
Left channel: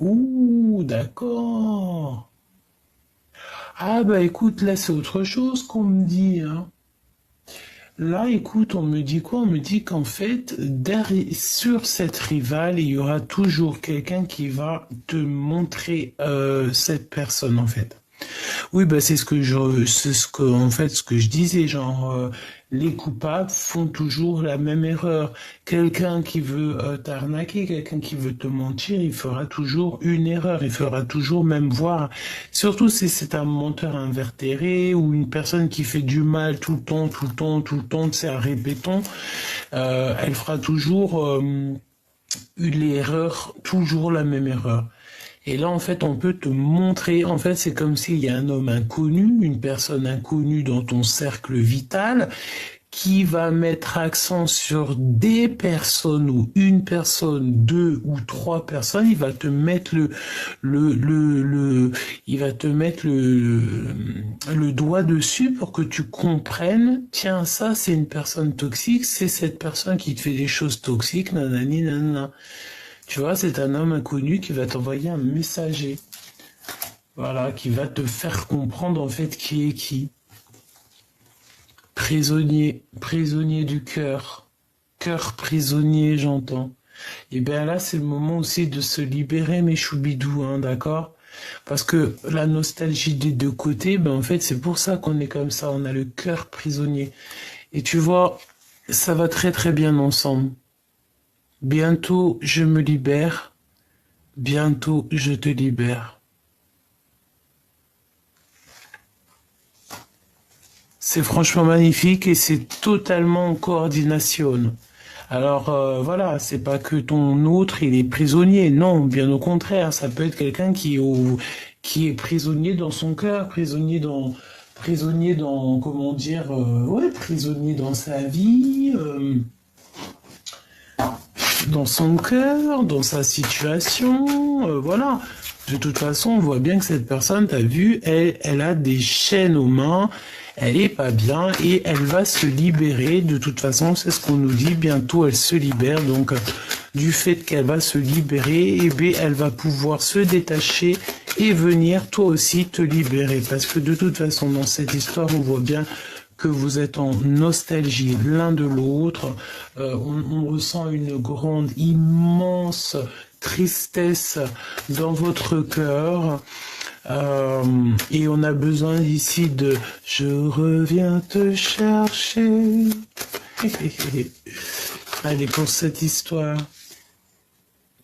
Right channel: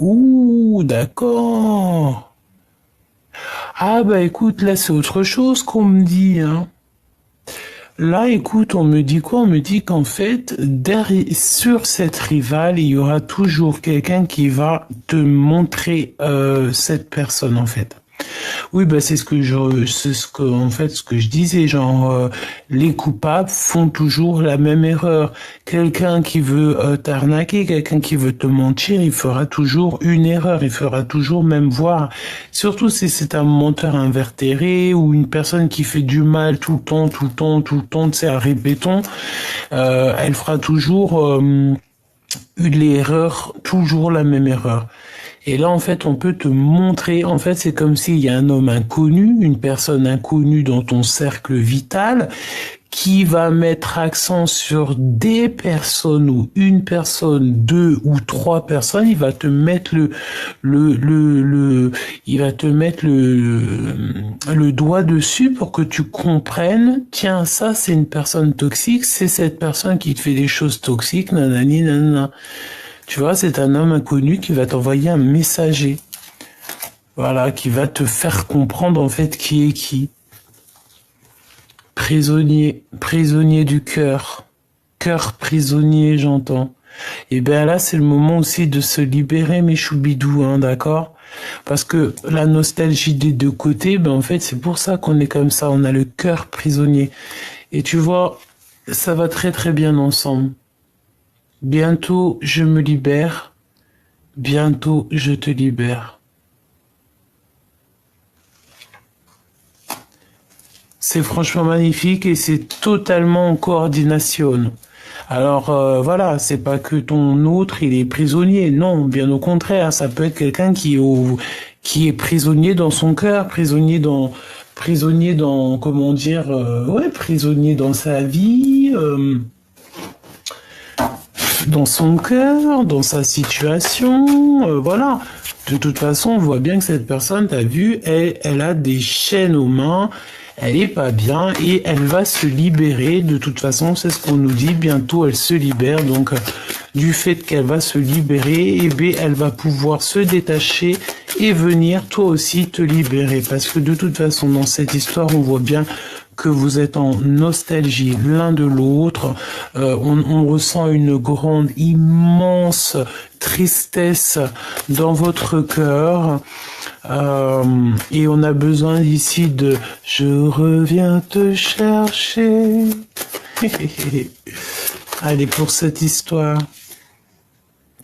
Ouh, d'accord. Ah bah écoute, là c'est autre chose qu'on me dit, hein. Là, écoute, on me dit quoi? On me dit qu'en fait, sur cette rivale, il y aura toujours quelqu'un qui va te montrer cette personne, en fait. Oui, bah c'est en fait, ce que je disais, genre, les coupables font toujours la même erreur. Quelqu'un qui veut t'arnaquer, quelqu'un qui veut te mentir, il fera toujours une erreur, il fera toujours même voir, surtout si c'est un menteur invétéré ou une personne qui fait du mal tout le temps, tout le temps, tout le temps, c'est un répéton, elle fera toujours l'erreur, toujours la même erreur. Et là, en fait, on peut te montrer, en fait, c'est comme s'il y a un homme inconnu, une personne inconnue dans ton cercle vital, qui va mettre accent sur des personnes ou une personne, deux ou trois personnes, il va te mettre il va te mettre le doigt dessus pour que tu comprennes, tiens, ça, c'est une personne toxique, c'est cette personne qui te fait des choses toxiques, nanani, nanana. Tu vois, c'est un homme inconnu qui va t'envoyer un messager. Voilà, qui va te faire comprendre en fait qui est qui. Prisonnier, prisonnier du cœur. Cœur prisonnier, j'entends. Et bien là, c'est le moment aussi de se libérer, mes choubidous, hein, d'accord? Parce que la nostalgie des deux côtés, ben en fait, c'est pour ça qu'on est comme ça. On a le cœur prisonnier. Et tu vois, ça va très très bien ensemble. Bientôt, je me libère. Bientôt, je te libère. C'est franchement magnifique et c'est totalement en coordination. Alors voilà, c'est pas que ton autre il est prisonnier, non, bien au contraire, ça peut être quelqu'un qui est prisonnier dans son cœur, prisonnier dans comment dire, ouais, prisonnier dans sa vie, dans son cœur, dans sa situation, voilà. De toute façon, on voit bien que cette personne, t'as vu, elle a des chaînes aux mains, elle est pas bien et elle va se libérer. De toute façon, c'est ce qu'on nous dit, bientôt elle se libère. Donc, du fait qu'elle va se libérer, eh bien, elle va pouvoir se détacher et venir toi aussi te libérer. Parce que de toute façon, dans cette histoire, on voit bien que vous êtes en nostalgie l'un de l'autre. On ressent une grande, immense tristesse dans votre cœur. Et on a besoin ici de « Je reviens te chercher ». Allez, pour cette histoire.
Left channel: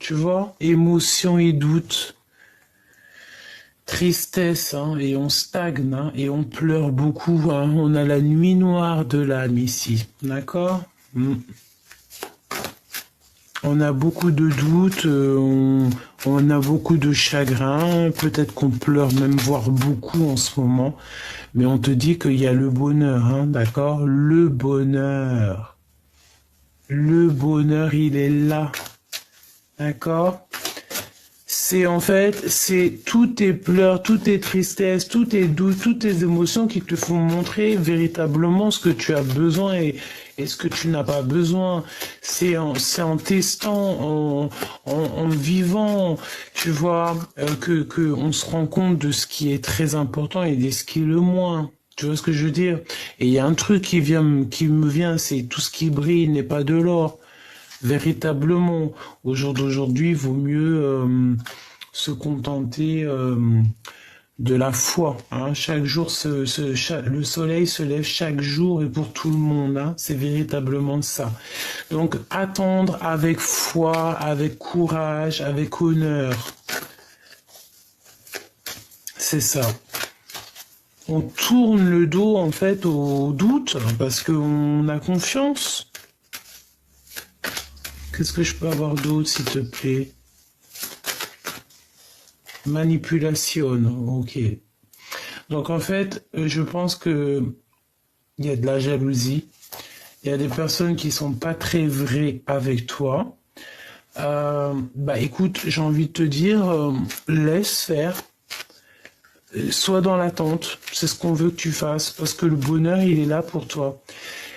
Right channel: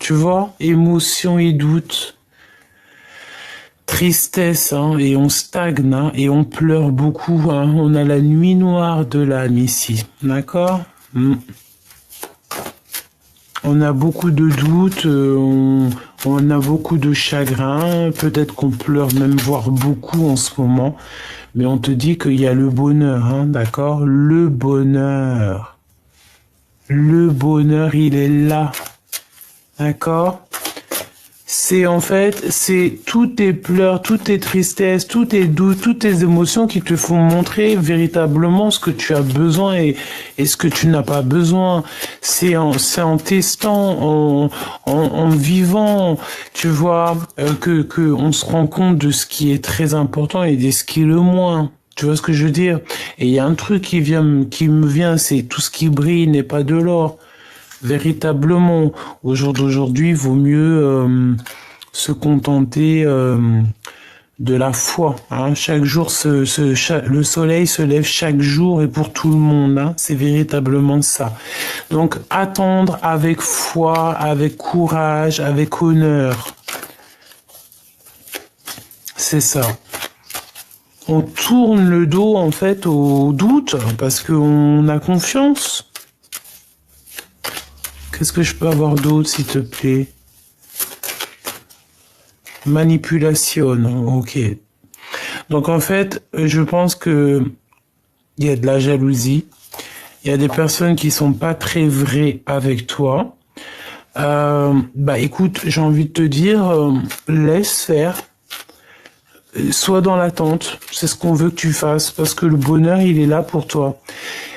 Tu vois, émotion et doute. Tristesse, hein, et on stagne, hein, et on pleure beaucoup. Hein. On a la nuit noire de l'âme ici, d'accord? On a beaucoup de doutes, on a beaucoup de chagrin, peut-être qu'on pleure même, voire beaucoup en ce moment, mais on te dit qu'il y a le bonheur, hein, d'accord? Le bonheur, il est là, d'accord? C'est en fait, c'est tous tes pleurs, toutes tes tristesses, tous tes doutes, toutes tes émotions qui te font montrer véritablement ce que tu as besoin et ce que tu n'as pas besoin. C'est en testant, en vivant, tu vois, que on se rend compte de ce qui est très important et de ce qui est le moins. Tu vois ce que je veux dire? Et il y a un truc qui me vient, c'est tout ce qui brille n'est pas de l'or. Véritablement, au jour d'aujourd'hui, il vaut mieux se contenter de la foi. Hein. Chaque jour, le soleil se lève chaque jour et pour tout le monde. Hein. C'est véritablement ça. Donc, attendre avec foi, avec courage, avec honneur. C'est ça. On tourne le dos, en fait, au doute parce qu'on a confiance. Qu'est-ce que je peux avoir d'autre, s'il te plaît? Manipulation, ok. Donc en fait, je pense que il y a de la jalousie. Il y a des personnes qui sont pas très vraies avec toi. Bah écoute, j'ai envie de te dire, laisse faire. Sois dans l'attente. C'est ce qu'on veut que tu fasses parce que le bonheur, il est là pour toi.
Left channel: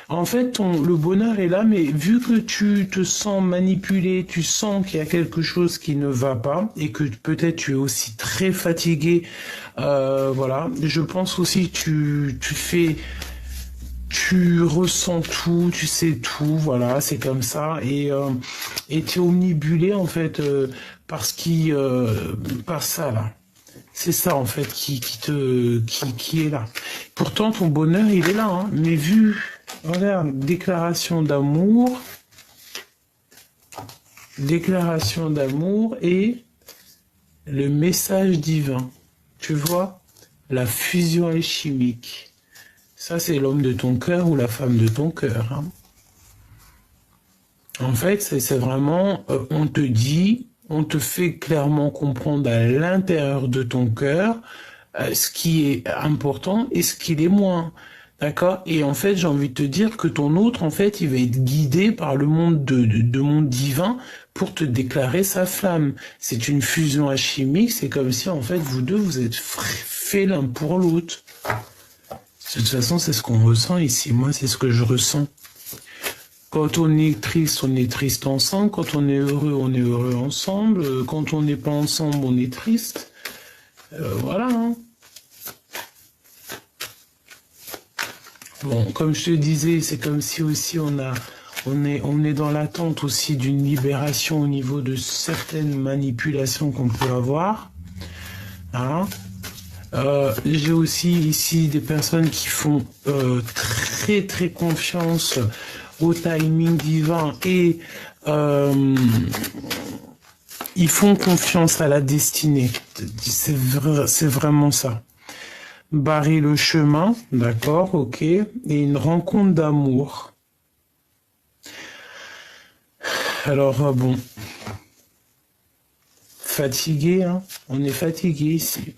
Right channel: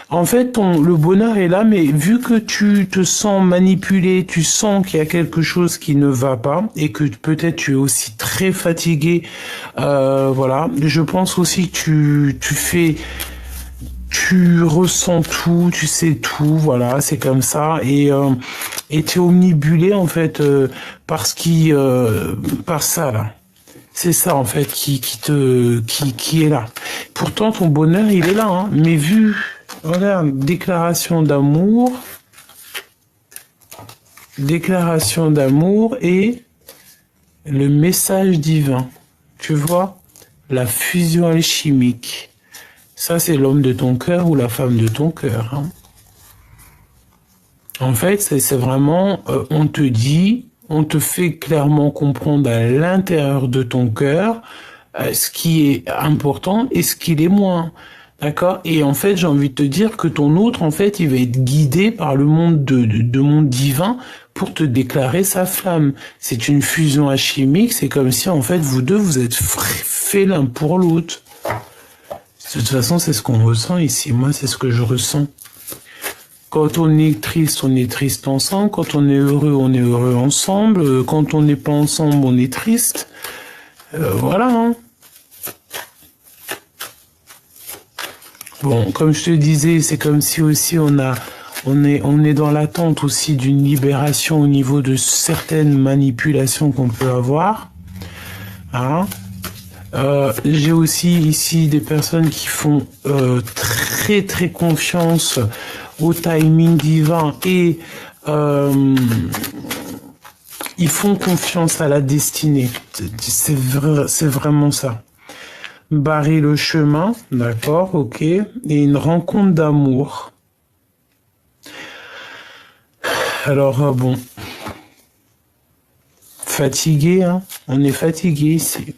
En fait, le bonheur est là, mais vu que tu te sens manipulé, tu sens qu'il y a quelque chose qui ne va pas et que peut-être tu es aussi très fatigué, voilà. Je pense aussi que tu ressens tout, tu sais tout, voilà, c'est comme ça et t'es omnibulé en fait par par ça là. C'est ça en fait qui est là. Pourtant ton bonheur il est là, hein, mais vu regarde, déclaration d'amour et le message divin. Tu vois, la fusion alchimique. Ça, c'est l'homme de ton cœur ou la femme de ton cœur. Hein. En fait, c'est vraiment, on te dit, on te fait clairement comprendre à l'intérieur de ton cœur ce qui est important et ce qui l'est moins. D'accord? Et en fait, j'ai envie de te dire que ton autre, en fait, il va être guidé par le monde de monde divin pour te déclarer sa flamme. C'est une fusion alchimique, c'est comme si, en fait, vous deux, vous êtes faits l'un pour l'autre. De toute façon, c'est ce qu'on ressent ici. Moi, c'est ce que je ressens. Quand on est triste ensemble. Quand on est heureux ensemble. Quand on n'est pas ensemble, on est triste. Voilà, hein. Bon, comme je te disais, c'est comme si aussi on est dans l'attente aussi d'une libération au niveau de certaines manipulations qu'on peut avoir. Hein. J'ai aussi ici des personnes qui font très très confiance au timing divin et ils font confiance à la destinée. C'est vraiment ça. Barrer le chemin, d'accord, ok. Et une rencontre d'amour. Alors, bon. Fatigué, hein. On est fatigué ici.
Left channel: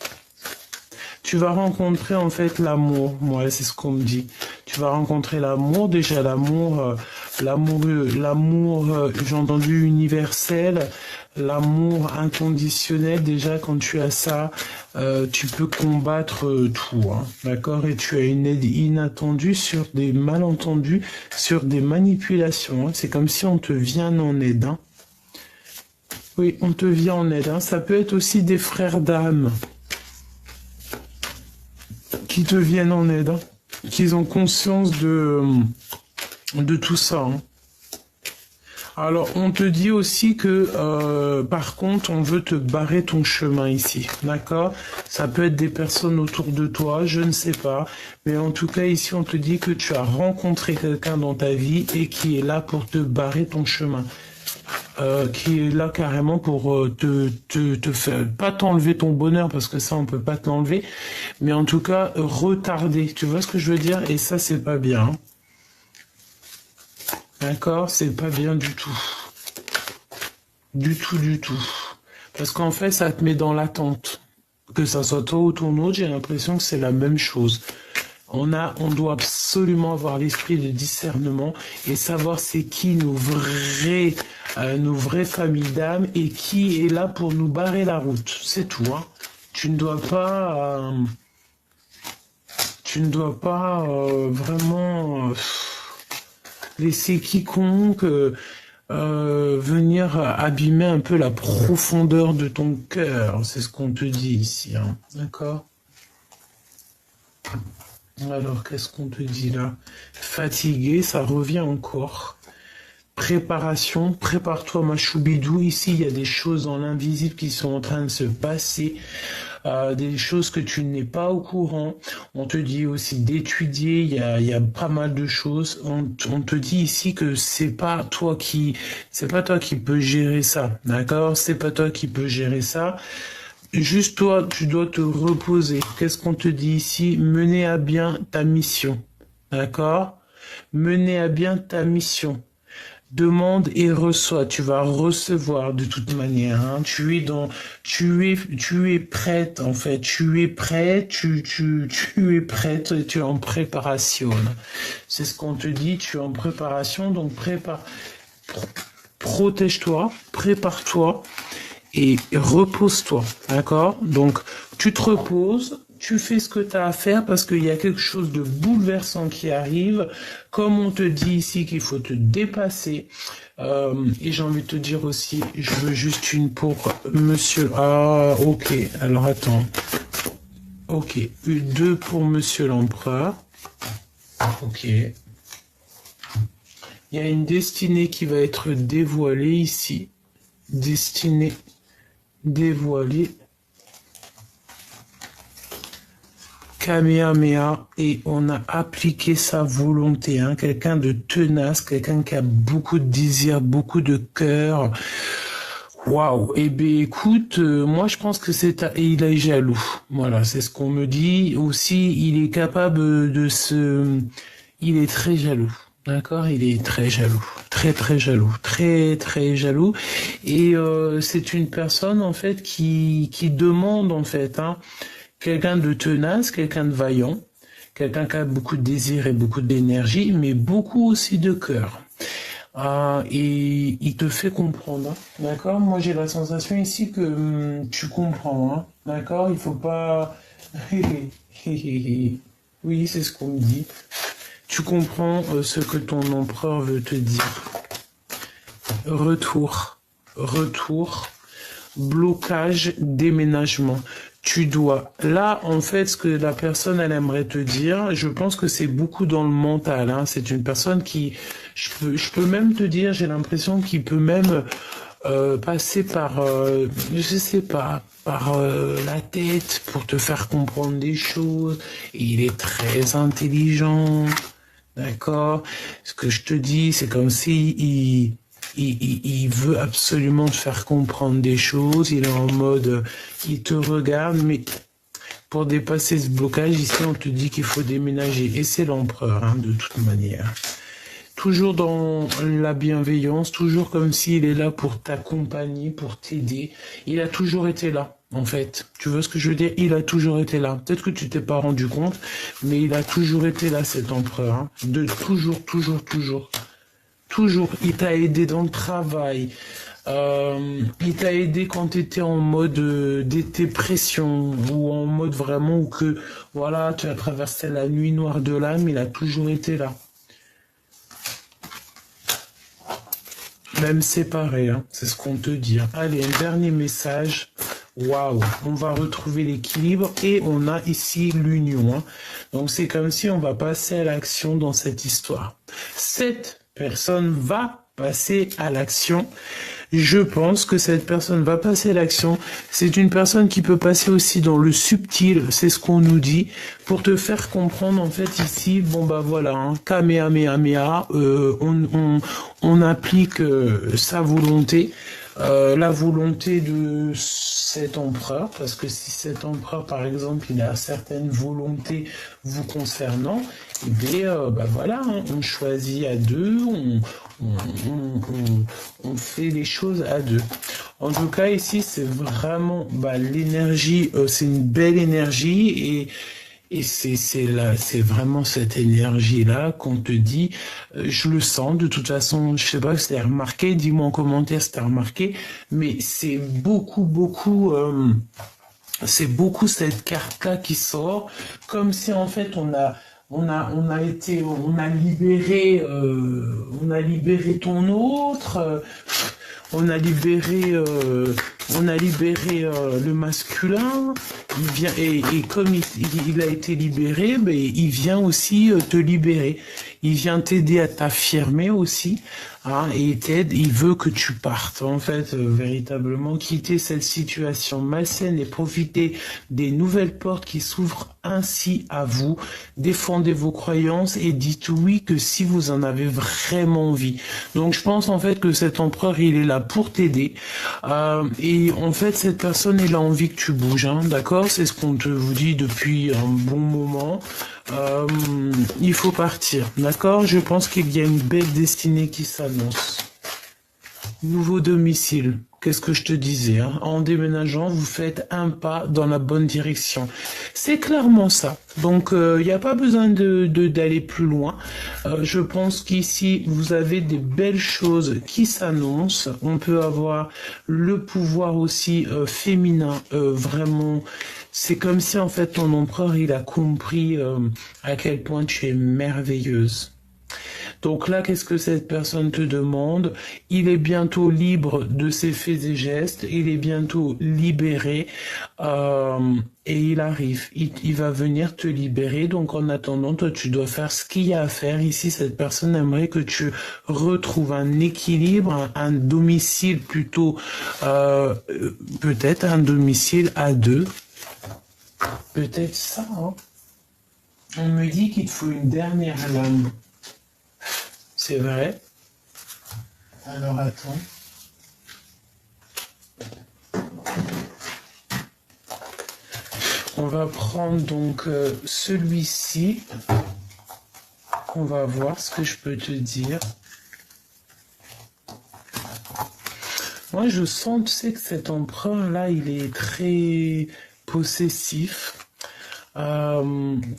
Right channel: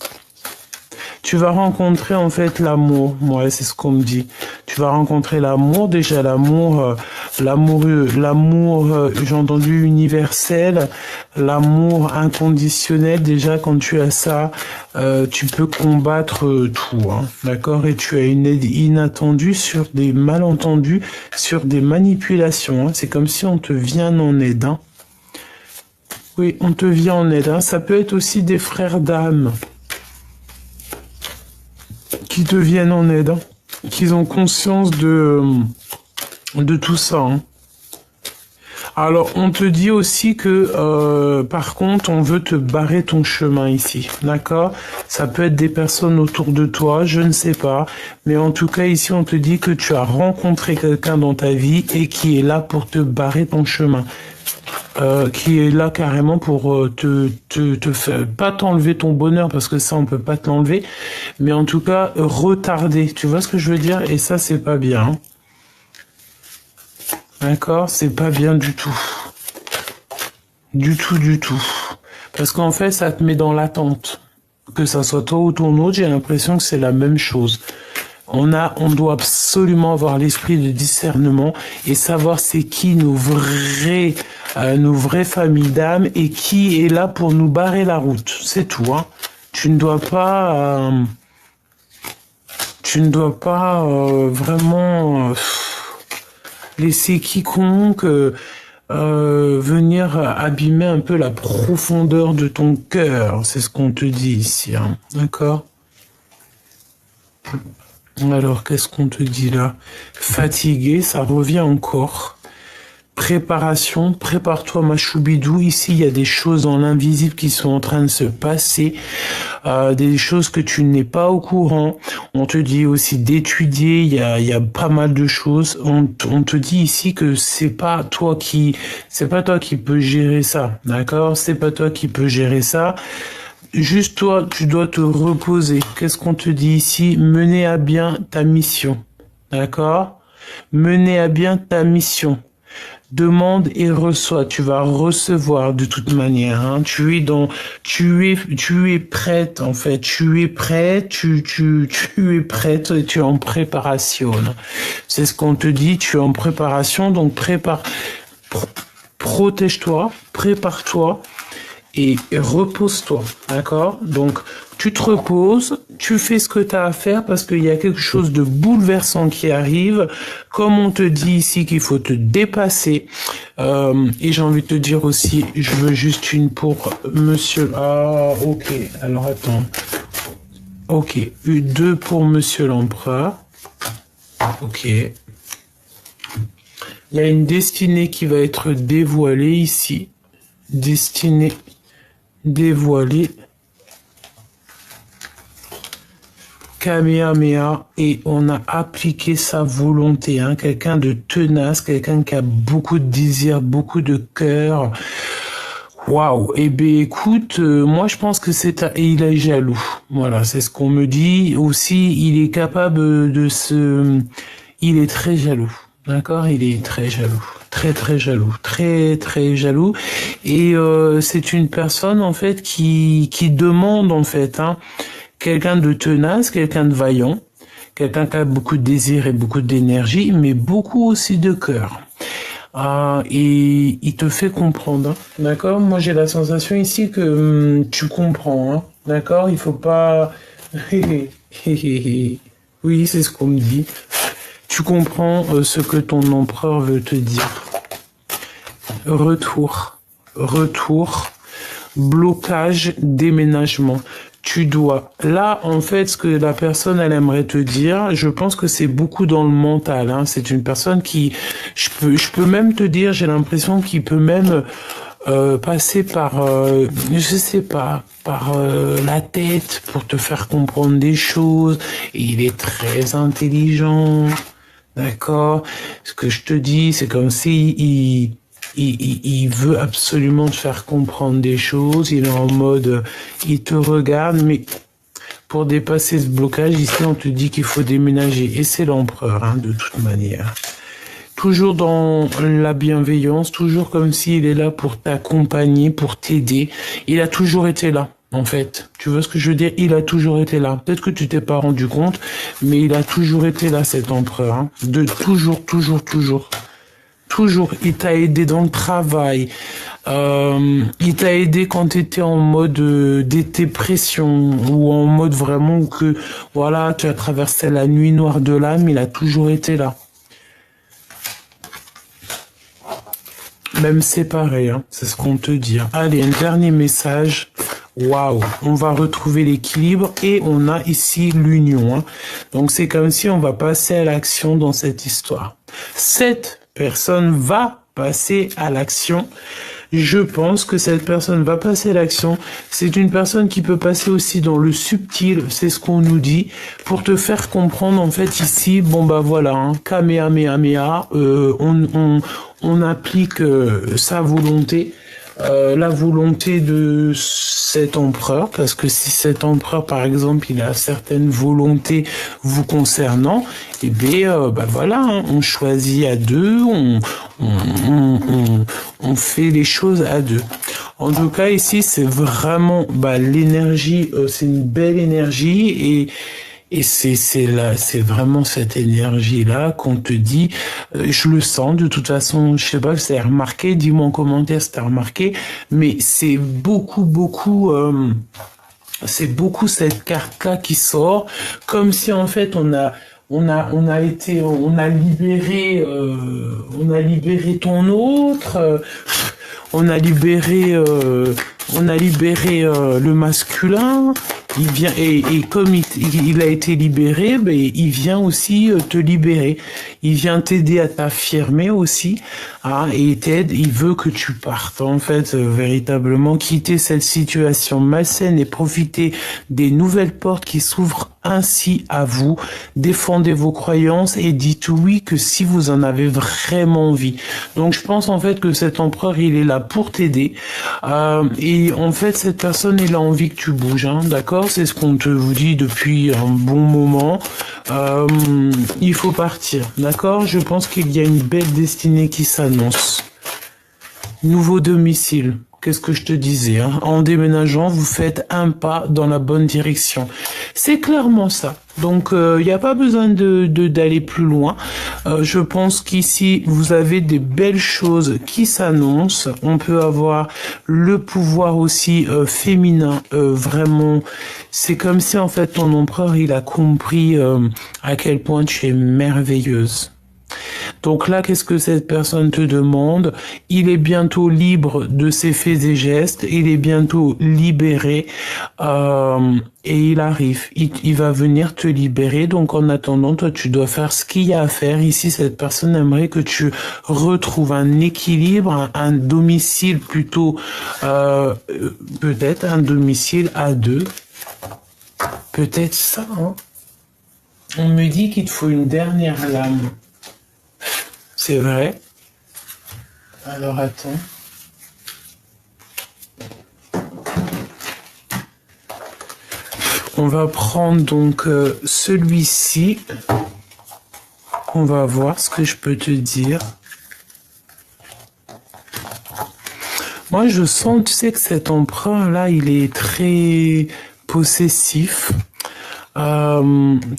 Tu vas rencontrer en fait l'amour. Ouais, c'est ce qu'on me dit. Tu vas rencontrer l'amour. Déjà, l'amour, j'ai entendu universel, l'amour inconditionnel. Déjà, quand tu as ça, tu peux combattre tout. Hein, d'accord? Et tu as une aide inattendue sur des malentendus, sur des manipulations. Hein. C'est comme si on te vient en aide. Hein. Oui, on te vient en aide. Hein. Ça peut être aussi des frères d'âme qui te viennent en aide, hein, qu'ils ont conscience de tout ça. Hein. Alors, on te dit aussi que, par contre, on veut te barrer ton chemin ici, d'accord? Ça peut être des personnes autour de toi, je ne sais pas. Mais en tout cas, ici, on te dit que tu as rencontré quelqu'un dans ta vie et qui est là pour te barrer ton chemin. Qui est là carrément pour te faire, pas t'enlever ton bonheur parce que ça on peut pas te l'enlever, mais en tout cas retarder, tu vois ce que je veux dire, et ça c'est pas bien, hein. D'accord, c'est pas bien du tout, du tout, parce qu'en fait ça te met dans l'attente, que ça soit toi ou ton autre, j'ai l'impression que c'est la même chose. On doit absolument avoir l'esprit de discernement et savoir c'est qui nos vraies familles d'âme et qui est là pour nous barrer la route. C'est tout, hein. Tu ne dois pas vraiment laisser quiconque venir abîmer un peu la profondeur de ton cœur. C'est ce qu'on te dit ici, hein. D'accord? Alors, qu'est-ce qu'on te dit là? Fatigué, ça revient encore. Préparation, prépare-toi ma choubidou. Ici, il y a des choses dans l'invisible qui sont en train de se passer. Des choses que tu n'es pas au courant. On te dit aussi d'étudier, il y a pas mal de choses. On te dit ici que c'est pas toi qui peux gérer ça, d'accord? C'est pas toi qui peux gérer ça. Juste toi, tu dois te reposer. Qu'est-ce qu'on te dit ici? Mener à bien ta mission. D'accord? Mener à bien ta mission. Demande et reçois. Tu vas recevoir de toute manière. Hein. Tu es prête en fait. Tu es prêt. Tu es prête. Et tu es en préparation. C'est ce qu'on te dit. Tu es en préparation. Donc protège-toi. Prépare-toi. Et repose-toi, d'accord? Donc, tu te reposes, tu fais ce que tu as à faire parce qu'il y a quelque chose de bouleversant qui arrive. Comme on te dit ici qu'il faut te dépasser. Et j'ai envie de te dire aussi, je veux juste une pour monsieur... Ah, ok. Alors, attends. Ok. Deux pour monsieur l'empereur. Ok. Il y a une destinée qui va être dévoilée ici. Destinée dévoilée. Kamehameha, et on a appliqué sa volonté, hein, quelqu'un de tenace, quelqu'un qui a beaucoup de désir, beaucoup de cœur. Waouh. Eh bien, écoute, moi je pense que il est jaloux. Voilà, c'est ce qu'on me dit. Aussi, il est capable il est très jaloux. D'accord, il est très jaloux, très jaloux, très jaloux, et c'est une personne en fait qui demande en fait, hein, quelqu'un de tenace, quelqu'un de vaillant, quelqu'un qui a beaucoup de désir et beaucoup d'énergie, mais beaucoup aussi de cœur. Et il te fait comprendre, hein, d'accord? Moi j'ai la sensation ici que tu comprends, hein, d'accord? Il faut pas, oui, c'est ce qu'on me dit. Tu comprends ce que ton empereur veut te dire. Retour, blocage, déménagement. Tu dois. Là, en fait, ce que la personne, elle aimerait te dire, je pense que c'est beaucoup dans le mental. Hein. C'est une personne qui, je peux même te dire, j'ai l'impression qu'il peut même passer par, je sais pas, par la tête pour te faire comprendre des choses. Et il est très intelligent, d'accord? Ce que je te dis, c'est comme si il veut absolument te faire comprendre des choses. Il est en mode, il te regarde, mais pour dépasser ce blocage, ici, on te dit qu'il faut déménager. Et c'est l'empereur, hein, de toute manière. Toujours dans la bienveillance, toujours comme s'il est là pour t'accompagner, pour t'aider. Il a toujours été là, en fait. Tu vois ce que je veux dire? Il a toujours été là. Peut-être que tu t'es pas rendu compte, mais il a toujours été là, cet empereur. Hein. De toujours, toujours, toujours. Toujours. Il t'a aidé dans le travail. Il t'a aidé quand tu étais en mode dépression ou en mode vraiment que, voilà, tu as traversé la nuit noire de l'âme. Il a toujours été là. Même séparé, hein, c'est ce qu'on te dit. Hein. Allez, un dernier message. Waouh, on va retrouver l'équilibre et on a ici l'union. Hein. Donc c'est comme si on va passer à l'action dans cette histoire. Cette personne va passer à l'action. Je pense que cette personne va passer à l'action. C'est une personne qui peut passer aussi dans le subtil, c'est ce qu'on nous dit, pour te faire comprendre en fait ici, bon bah voilà, hein, Kamehameha, on applique sa volonté. La volonté de cet empereur, parce que si cet empereur, par exemple, il a certaines volontés vous concernant, eh bien, bah voilà, hein, on choisit à deux, on fait les choses à deux. En tout cas, ici, c'est vraiment bah, l'énergie, c'est une belle énergie et c'est vraiment cette énergie-là qu'on te dit, je le sens, de toute façon, je sais pas si c'est remarqué, dis-moi en commentaire si t'as remarqué, mais c'est beaucoup cette carte-là qui sort, comme si en fait on a libéré ton autre, on a libéré le masculin. Il vient et comme il a été libéré, mais il vient aussi te libérer. Il vient t'aider à t'affirmer aussi, hein, et t'aide. Il veut que tu partes en fait véritablement quitter cette situation malsaine et profiter des nouvelles portes qui s'ouvrent ainsi à vous. Défendez vos croyances et dites oui que si vous en avez vraiment envie. Donc je pense en fait que cet empereur il est là pour t'aider. Et en fait cette personne il a envie que tu bouges, hein, d'accord? C'est ce qu'on te vous dit depuis un bon moment. Il faut partir, d'accord? Je pense qu'il y a une belle destinée qui s'annonce. Nouveau domicile. Qu'est-ce que je te disais, hein? En déménageant, vous faites un pas dans la bonne direction. C'est clairement ça. Donc, il n'y a pas besoin d'aller plus loin. Je pense qu'ici, vous avez des belles choses qui s'annoncent. On peut avoir le pouvoir aussi féminin. Vraiment, c'est comme si, en fait, ton empereur, il a compris à quel point tu es merveilleuse. Donc là, qu'est-ce que cette personne te demande? Il est bientôt libre de ses faits et gestes, il est bientôt libéré et il arrive. Il va venir te libérer. Donc en attendant, toi, tu dois faire ce qu'il y a à faire. Ici, cette personne aimerait que tu retrouves un équilibre, un domicile plutôt, peut-être un domicile à deux. Peut-être ça, hein. On me dit qu'il te faut une dernière lame. C'est vrai. Alors attends. On va prendre donc celui-ci. On va voir ce que je peux te dire. Moi je sens, tu sais que cet empereur là, il est très possessif.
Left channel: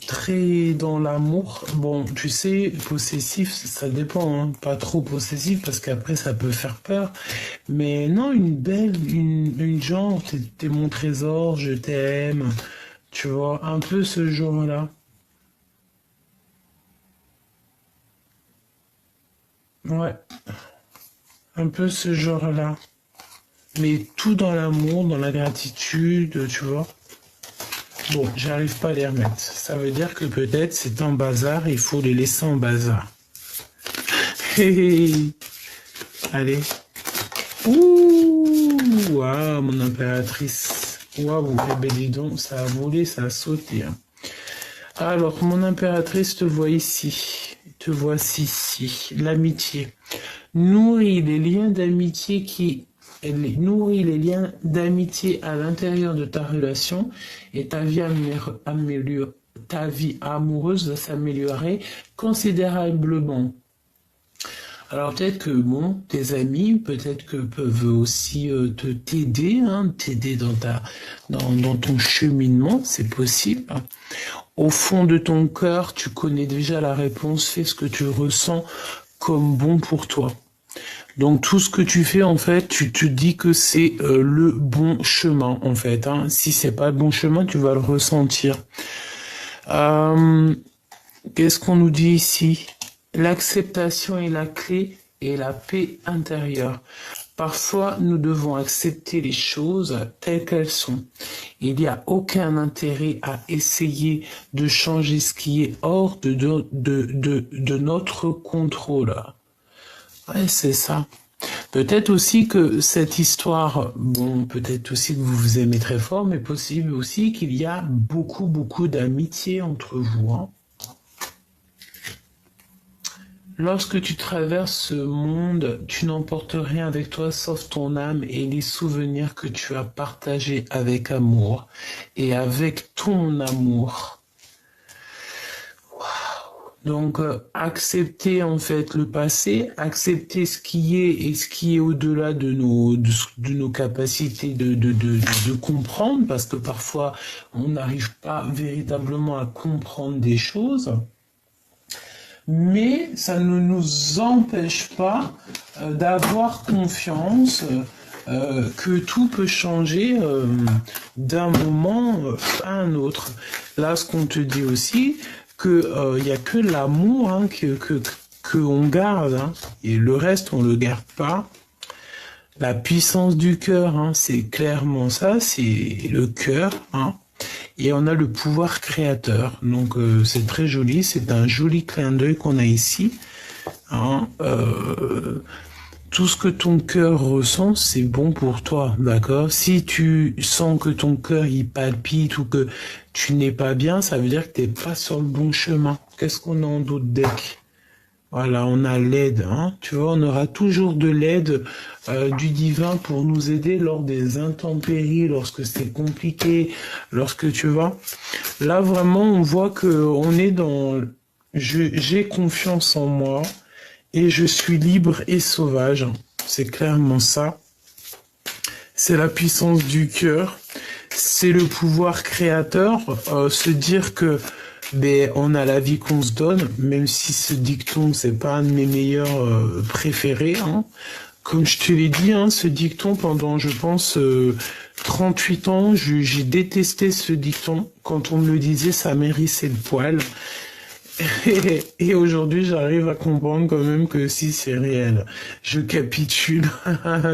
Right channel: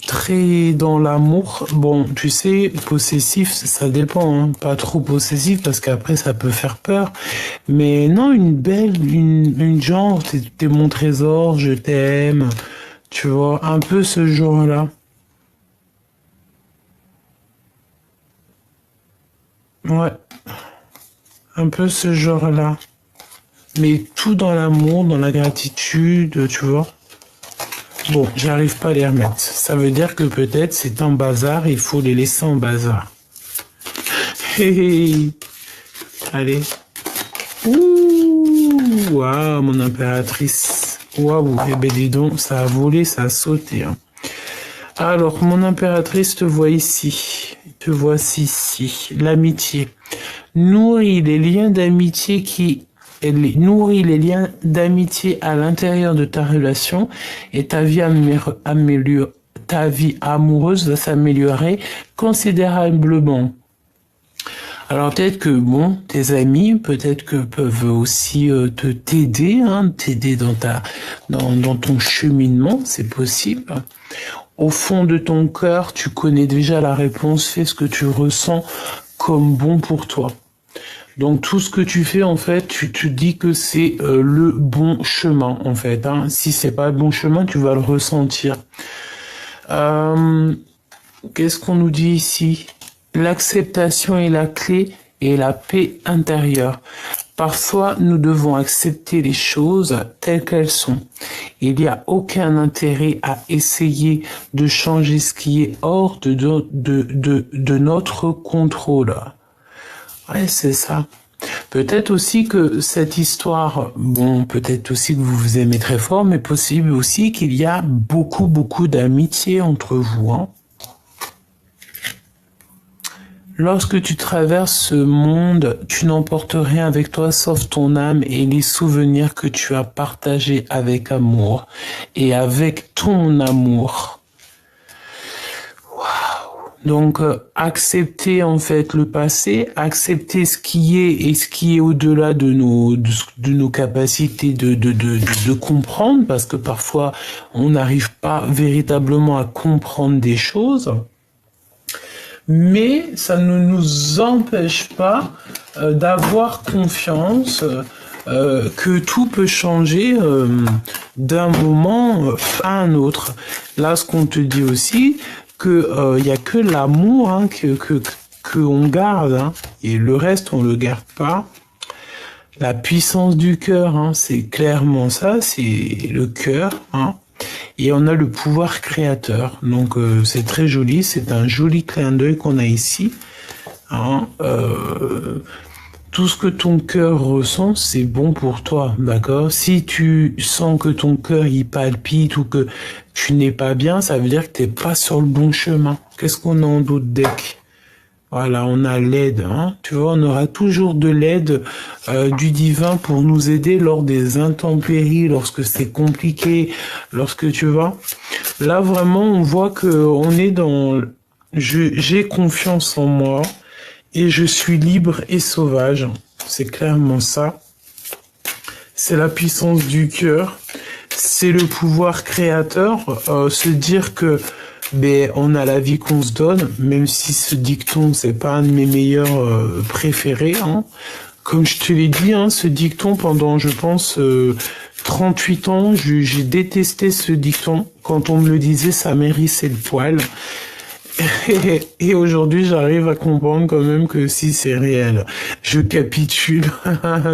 Très dans l'amour. Bon, tu sais, possessif, ça dépend, hein. Pas trop possessif parce qu'après ça peut faire peur. Mais non, une genre, t'es mon trésor, je t'aime. Tu vois, un peu ce genre-là. Ouais, un peu ce genre-là. Mais tout dans l'amour, dans la gratitude, tu vois. Bon, j'arrive pas à les remettre. Ça veut dire que peut-être c'est un bazar, il faut les laisser en bazar. Hey, hey. Allez. Ouh. toi, mon impératrice. Waouh, eh ben dis donc, ça a volé, ça a sauté. Hein. Alors, mon impératrice te voit ici. Te voici ici. L'amitié. Nourris les liens d'amitié nourris les liens d'amitié à l'intérieur de ta relation et ta vie ta vie amoureuse va s'améliorer considérablement. Alors peut-être que bon, tes amis, peut-être que peuvent aussi t'aider, hein, t'aider dans ton cheminement, c'est possible. Au fond de ton cœur, tu connais déjà la réponse, fais ce que tu ressens comme bon pour toi. Donc tout ce que tu fais en fait, tu te dis que c'est le bon chemin en fait. Hein. Si c'est pas le bon chemin, tu vas le ressentir. Qu'est-ce qu'on nous dit ici? L'acceptation est la clé et la paix intérieure. Parfois, nous devons accepter les choses telles qu'elles sont. Il n'y a aucun intérêt à essayer de changer ce qui est hors de notre contrôle. Ouais, c'est ça. Peut-être aussi que cette histoire, bon, peut-être aussi que vous vous aimez très fort, mais possible aussi qu'il y a beaucoup d'amitié entre vous. Hein. Lorsque tu traverses ce monde, tu n'emportes rien avec toi sauf ton âme et les souvenirs que tu as partagés avec amour et avec ton amour. Donc, accepter en fait le passé, accepter ce qui est et ce qui est au-delà de nos capacités de comprendre, parce que parfois on n'arrive pas véritablement à comprendre des choses. Mais ça ne nous empêche pas d'avoir confiance que tout peut changer d'un moment à un autre. Là, ce qu'on te dit aussi, que y a que l'amour hein, que on garde, hein, et le reste on le garde pas. La puissance du cœur, hein, c'est clairement ça, c'est le cœur. Hein. Et on a le pouvoir créateur. Donc c'est très joli, c'est un joli clin d'œil qu'on a ici. Hein, tout ce que ton cœur ressent, c'est bon pour toi, d'accord? Si tu sens que ton cœur il palpite ou que tu n'es pas bien, ça veut dire que tu n'es pas sur le bon chemin. Qu'est-ce qu'on a en doute deck? Voilà, on a l'aide, hein. Tu vois, on aura toujours de l'aide du divin pour nous aider lors des intempéries, lorsque c'est compliqué, lorsque tu vois. Là, vraiment, on voit que on est dans... J'ai confiance en moi et je suis libre et sauvage. C'est clairement ça. C'est la puissance du cœur. C'est le pouvoir créateur. Se dire que on a la vie qu'on se donne, même si ce dicton, c'est pas un de mes meilleurs préférés. Hein. Comme je te l'ai dit, hein, ce dicton, pendant, je pense, 38 ans, j'ai détesté ce dicton. Quand on me le disait, ça m'hérissait le poil. Et aujourd'hui, j'arrive à comprendre quand même que si c'est réel, je capitule.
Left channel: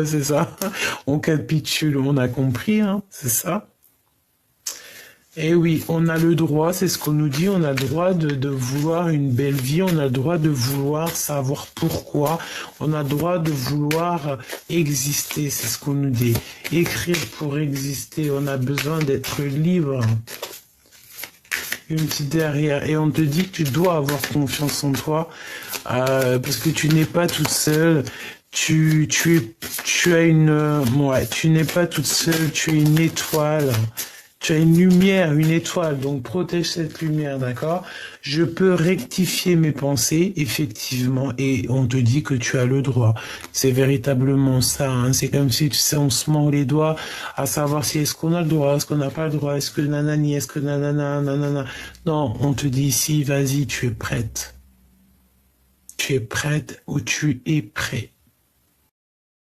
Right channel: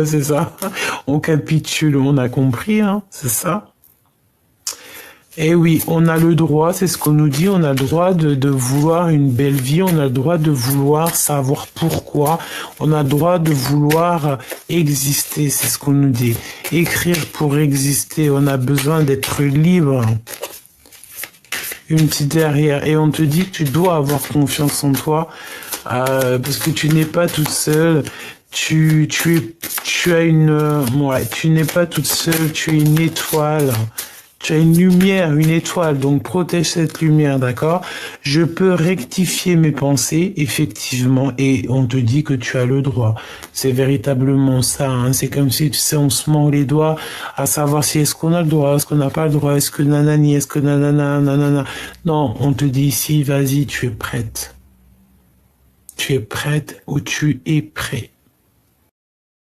C'est ça. On capitule, on a compris, hein, c'est ça. Eh oui, on a le droit, c'est ce qu'on nous dit, on a le droit de vouloir une belle vie, on a le droit de vouloir savoir pourquoi, on a le droit de vouloir exister, c'est ce qu'on nous dit. Écrire pour exister, on a besoin d'être libre. Une petite derrière, et on te dit que tu dois avoir confiance en toi, parce que tu n'es pas toute seule. Tu as tu n'es pas toute seule, tu es une étoile. Tu as une lumière, une étoile, donc protège cette lumière, d'accord? Je peux rectifier mes pensées, effectivement, et on te dit que tu as le droit. C'est véritablement ça, hein. C'est comme si, tu sais, on se mord les doigts à savoir si est-ce qu'on a le droit, est-ce qu'on n'a pas le droit, est-ce que nanani, est-ce que nanana, nanana. Non, on te dit ici, vas-y, tu es prête. Tu es prête ou tu es prêt.